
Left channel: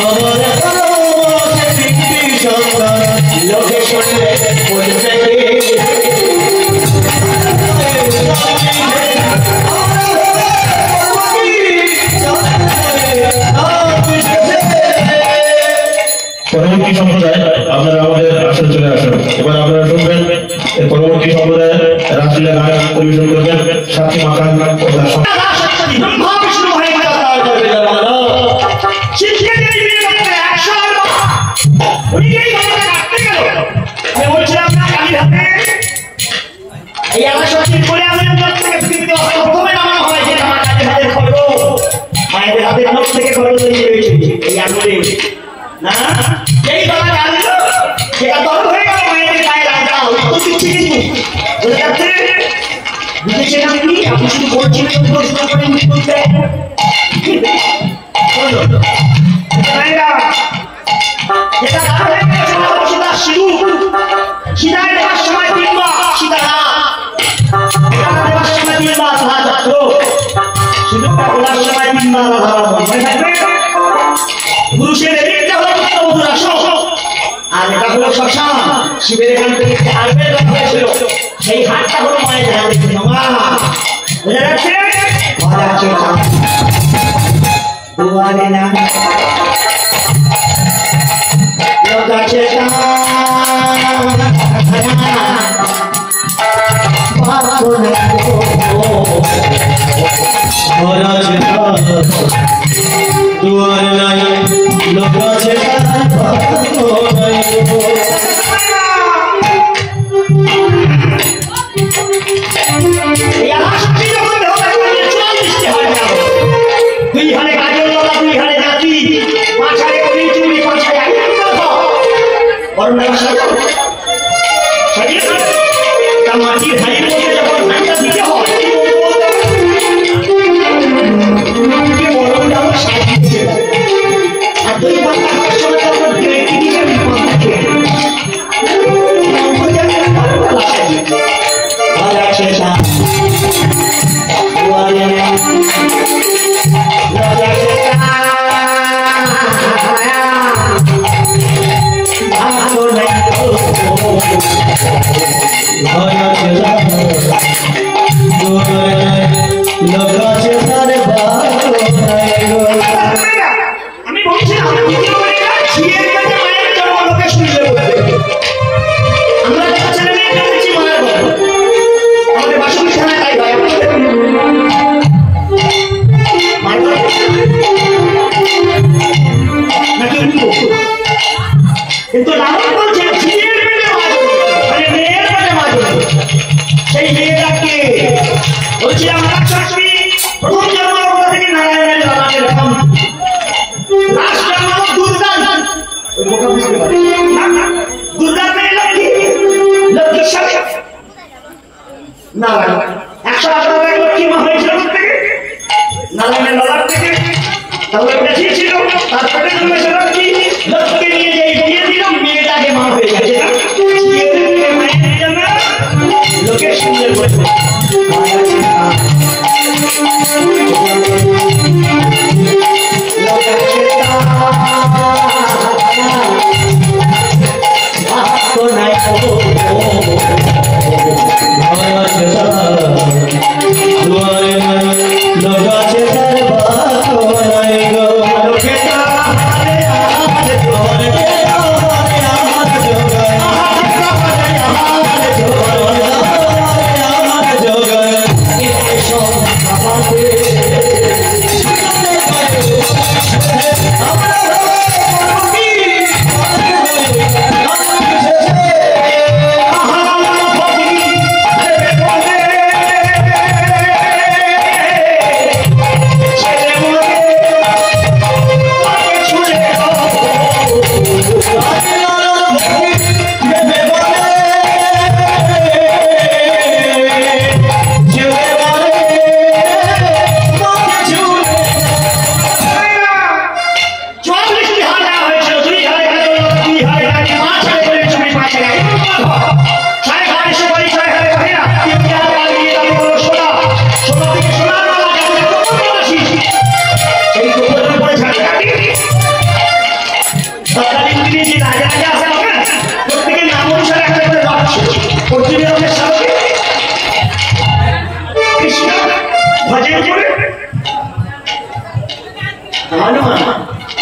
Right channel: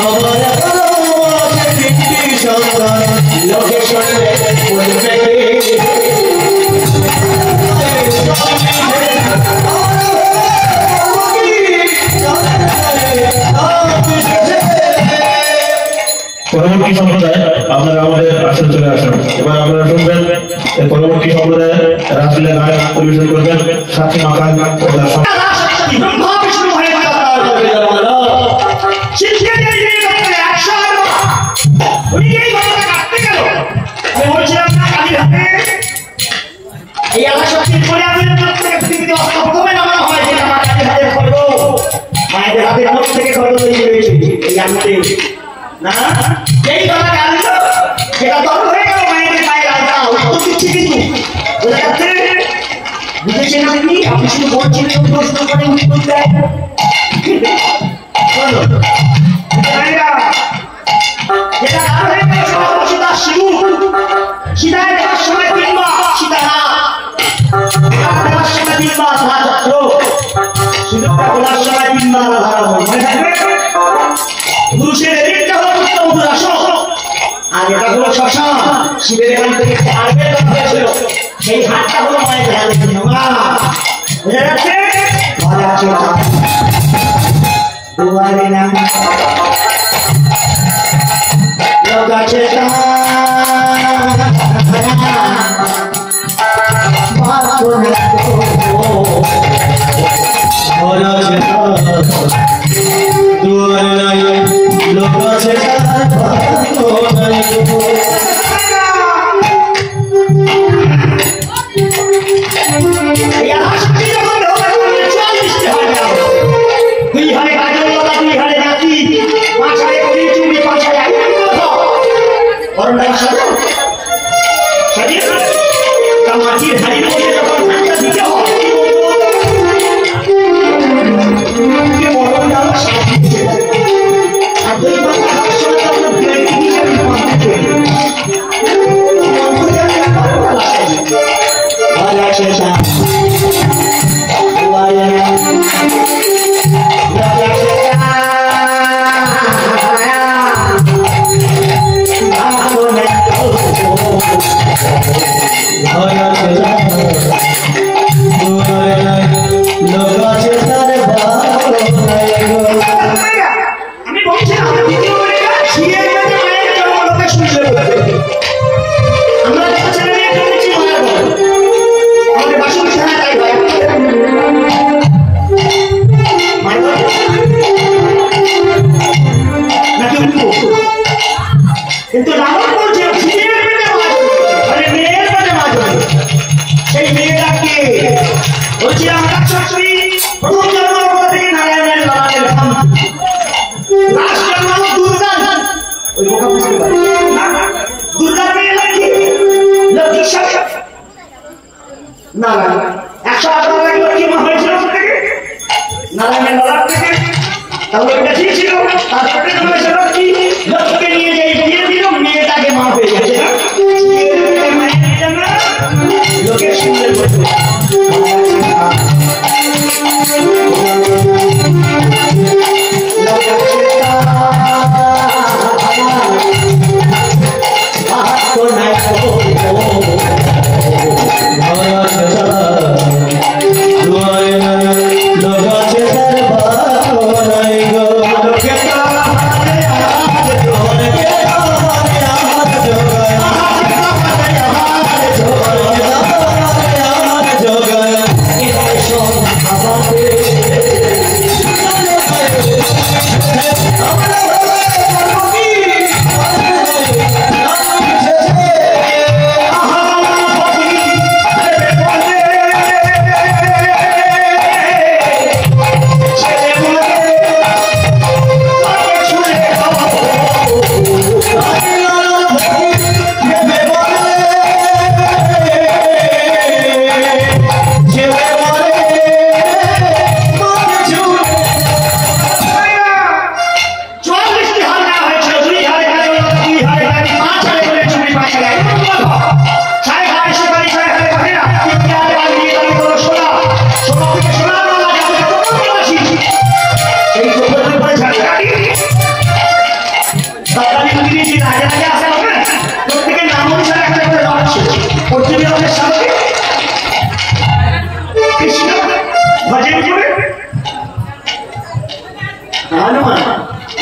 Oh পরবর্তী সম্প্রদায় আপনারা আমাদের আসলে চলে আসুন। এবার আপনারা শুনবেন পরবর্তী সম্প্রদায় রাসলীলা গান পরিবেশন করবেন সাথী মাকান মায়েদের হাতের মধ্যে থেকে খবর তৈরি হয়েছে এই আনন্দে না যেই কথা জানলো সেটা তর্ক হয়ে গেল মায়েদের গায়ে রাজা উত্তর দিচ্ছে কিন্তু বোঝা যাচ্ছে বুঝেছেন আপনি আপনি শুধু বলছিলেন প্রশ্ন করে উত্তর দেয় যেটা কার হয়ে গেল সেটা হচ্ছে তার শিশু সীতায় দেখার সময় কিংবা সীতা না দেখার সময় কিংবা তাহা ছাত্র সুযোগটা বলার সময় কিংবা পুরুষের এদিকটা হলো উত্তর আসন আর এটা হলো শ্মশান শিবের এখান থেকে হাড়ের কথা হয়েছিল সেই হাটটা হলো মায়ের হাতে বোঝা যাচ্ছে দুয়ারে না লোকাছে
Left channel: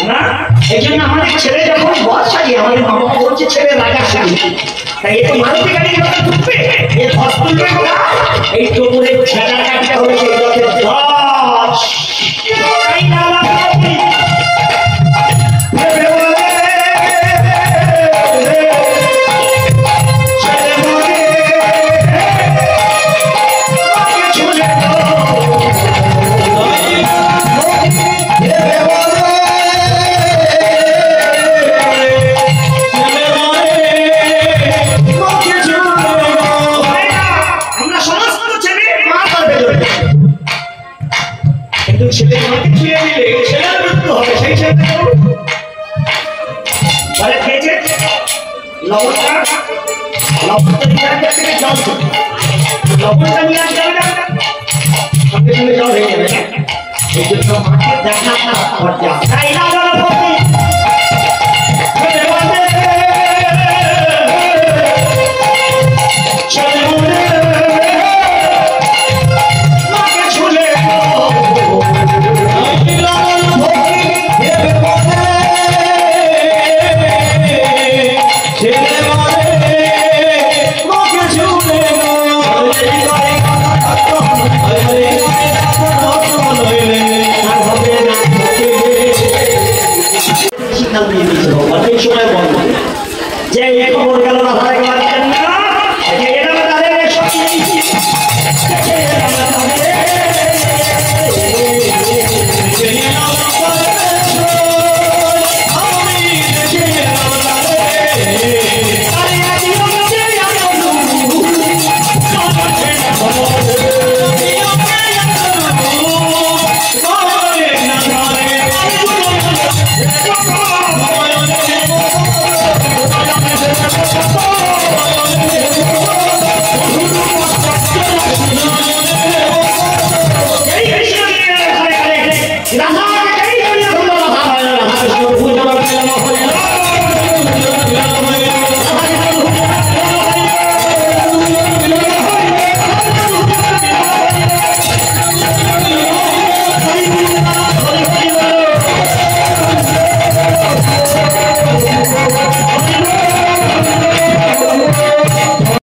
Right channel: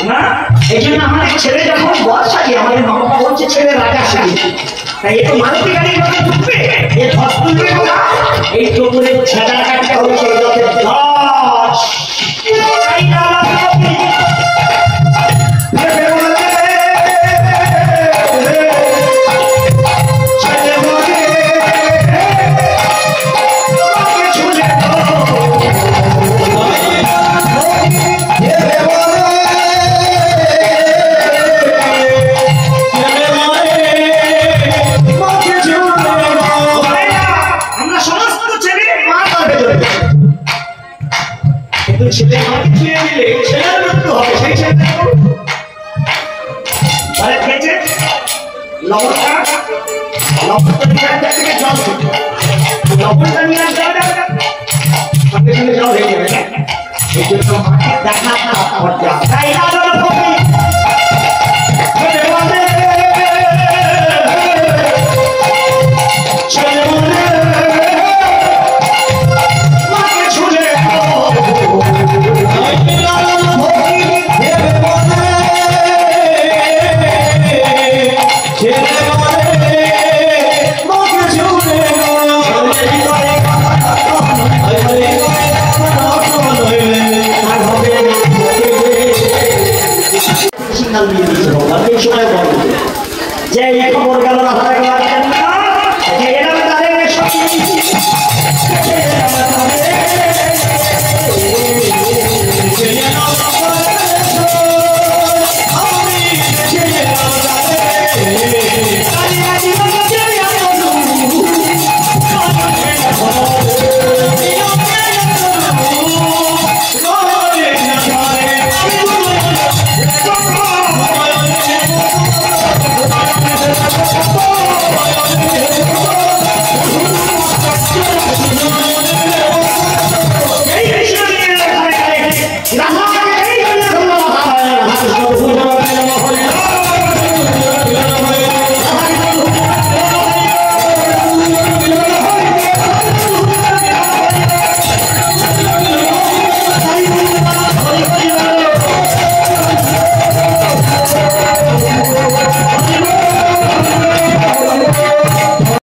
না এই জন্য আমাদের ছেলে যখন বয়স আছে আমাদের মা বাবা বলছে ছেলে রাজা সাজে তাই একটু মারুতি গাড়ির মতো ঢুকবে এর ধস তুলবে না এই টোপরের ছেঁড়া কাটতে হবে সেই রথের ধস তাই না ছেলে মাকে ছুঁয়ে দিলে ছেলের মৃত্যু হবে সেই ছেলে খেয়েছে লবণটা নিয়ে থেকে জল লবণটা নিয়ে যাবে সঙ্গে সঙ্গে জল হয়ে যাবে এই জন্য দেখা তাই না সময়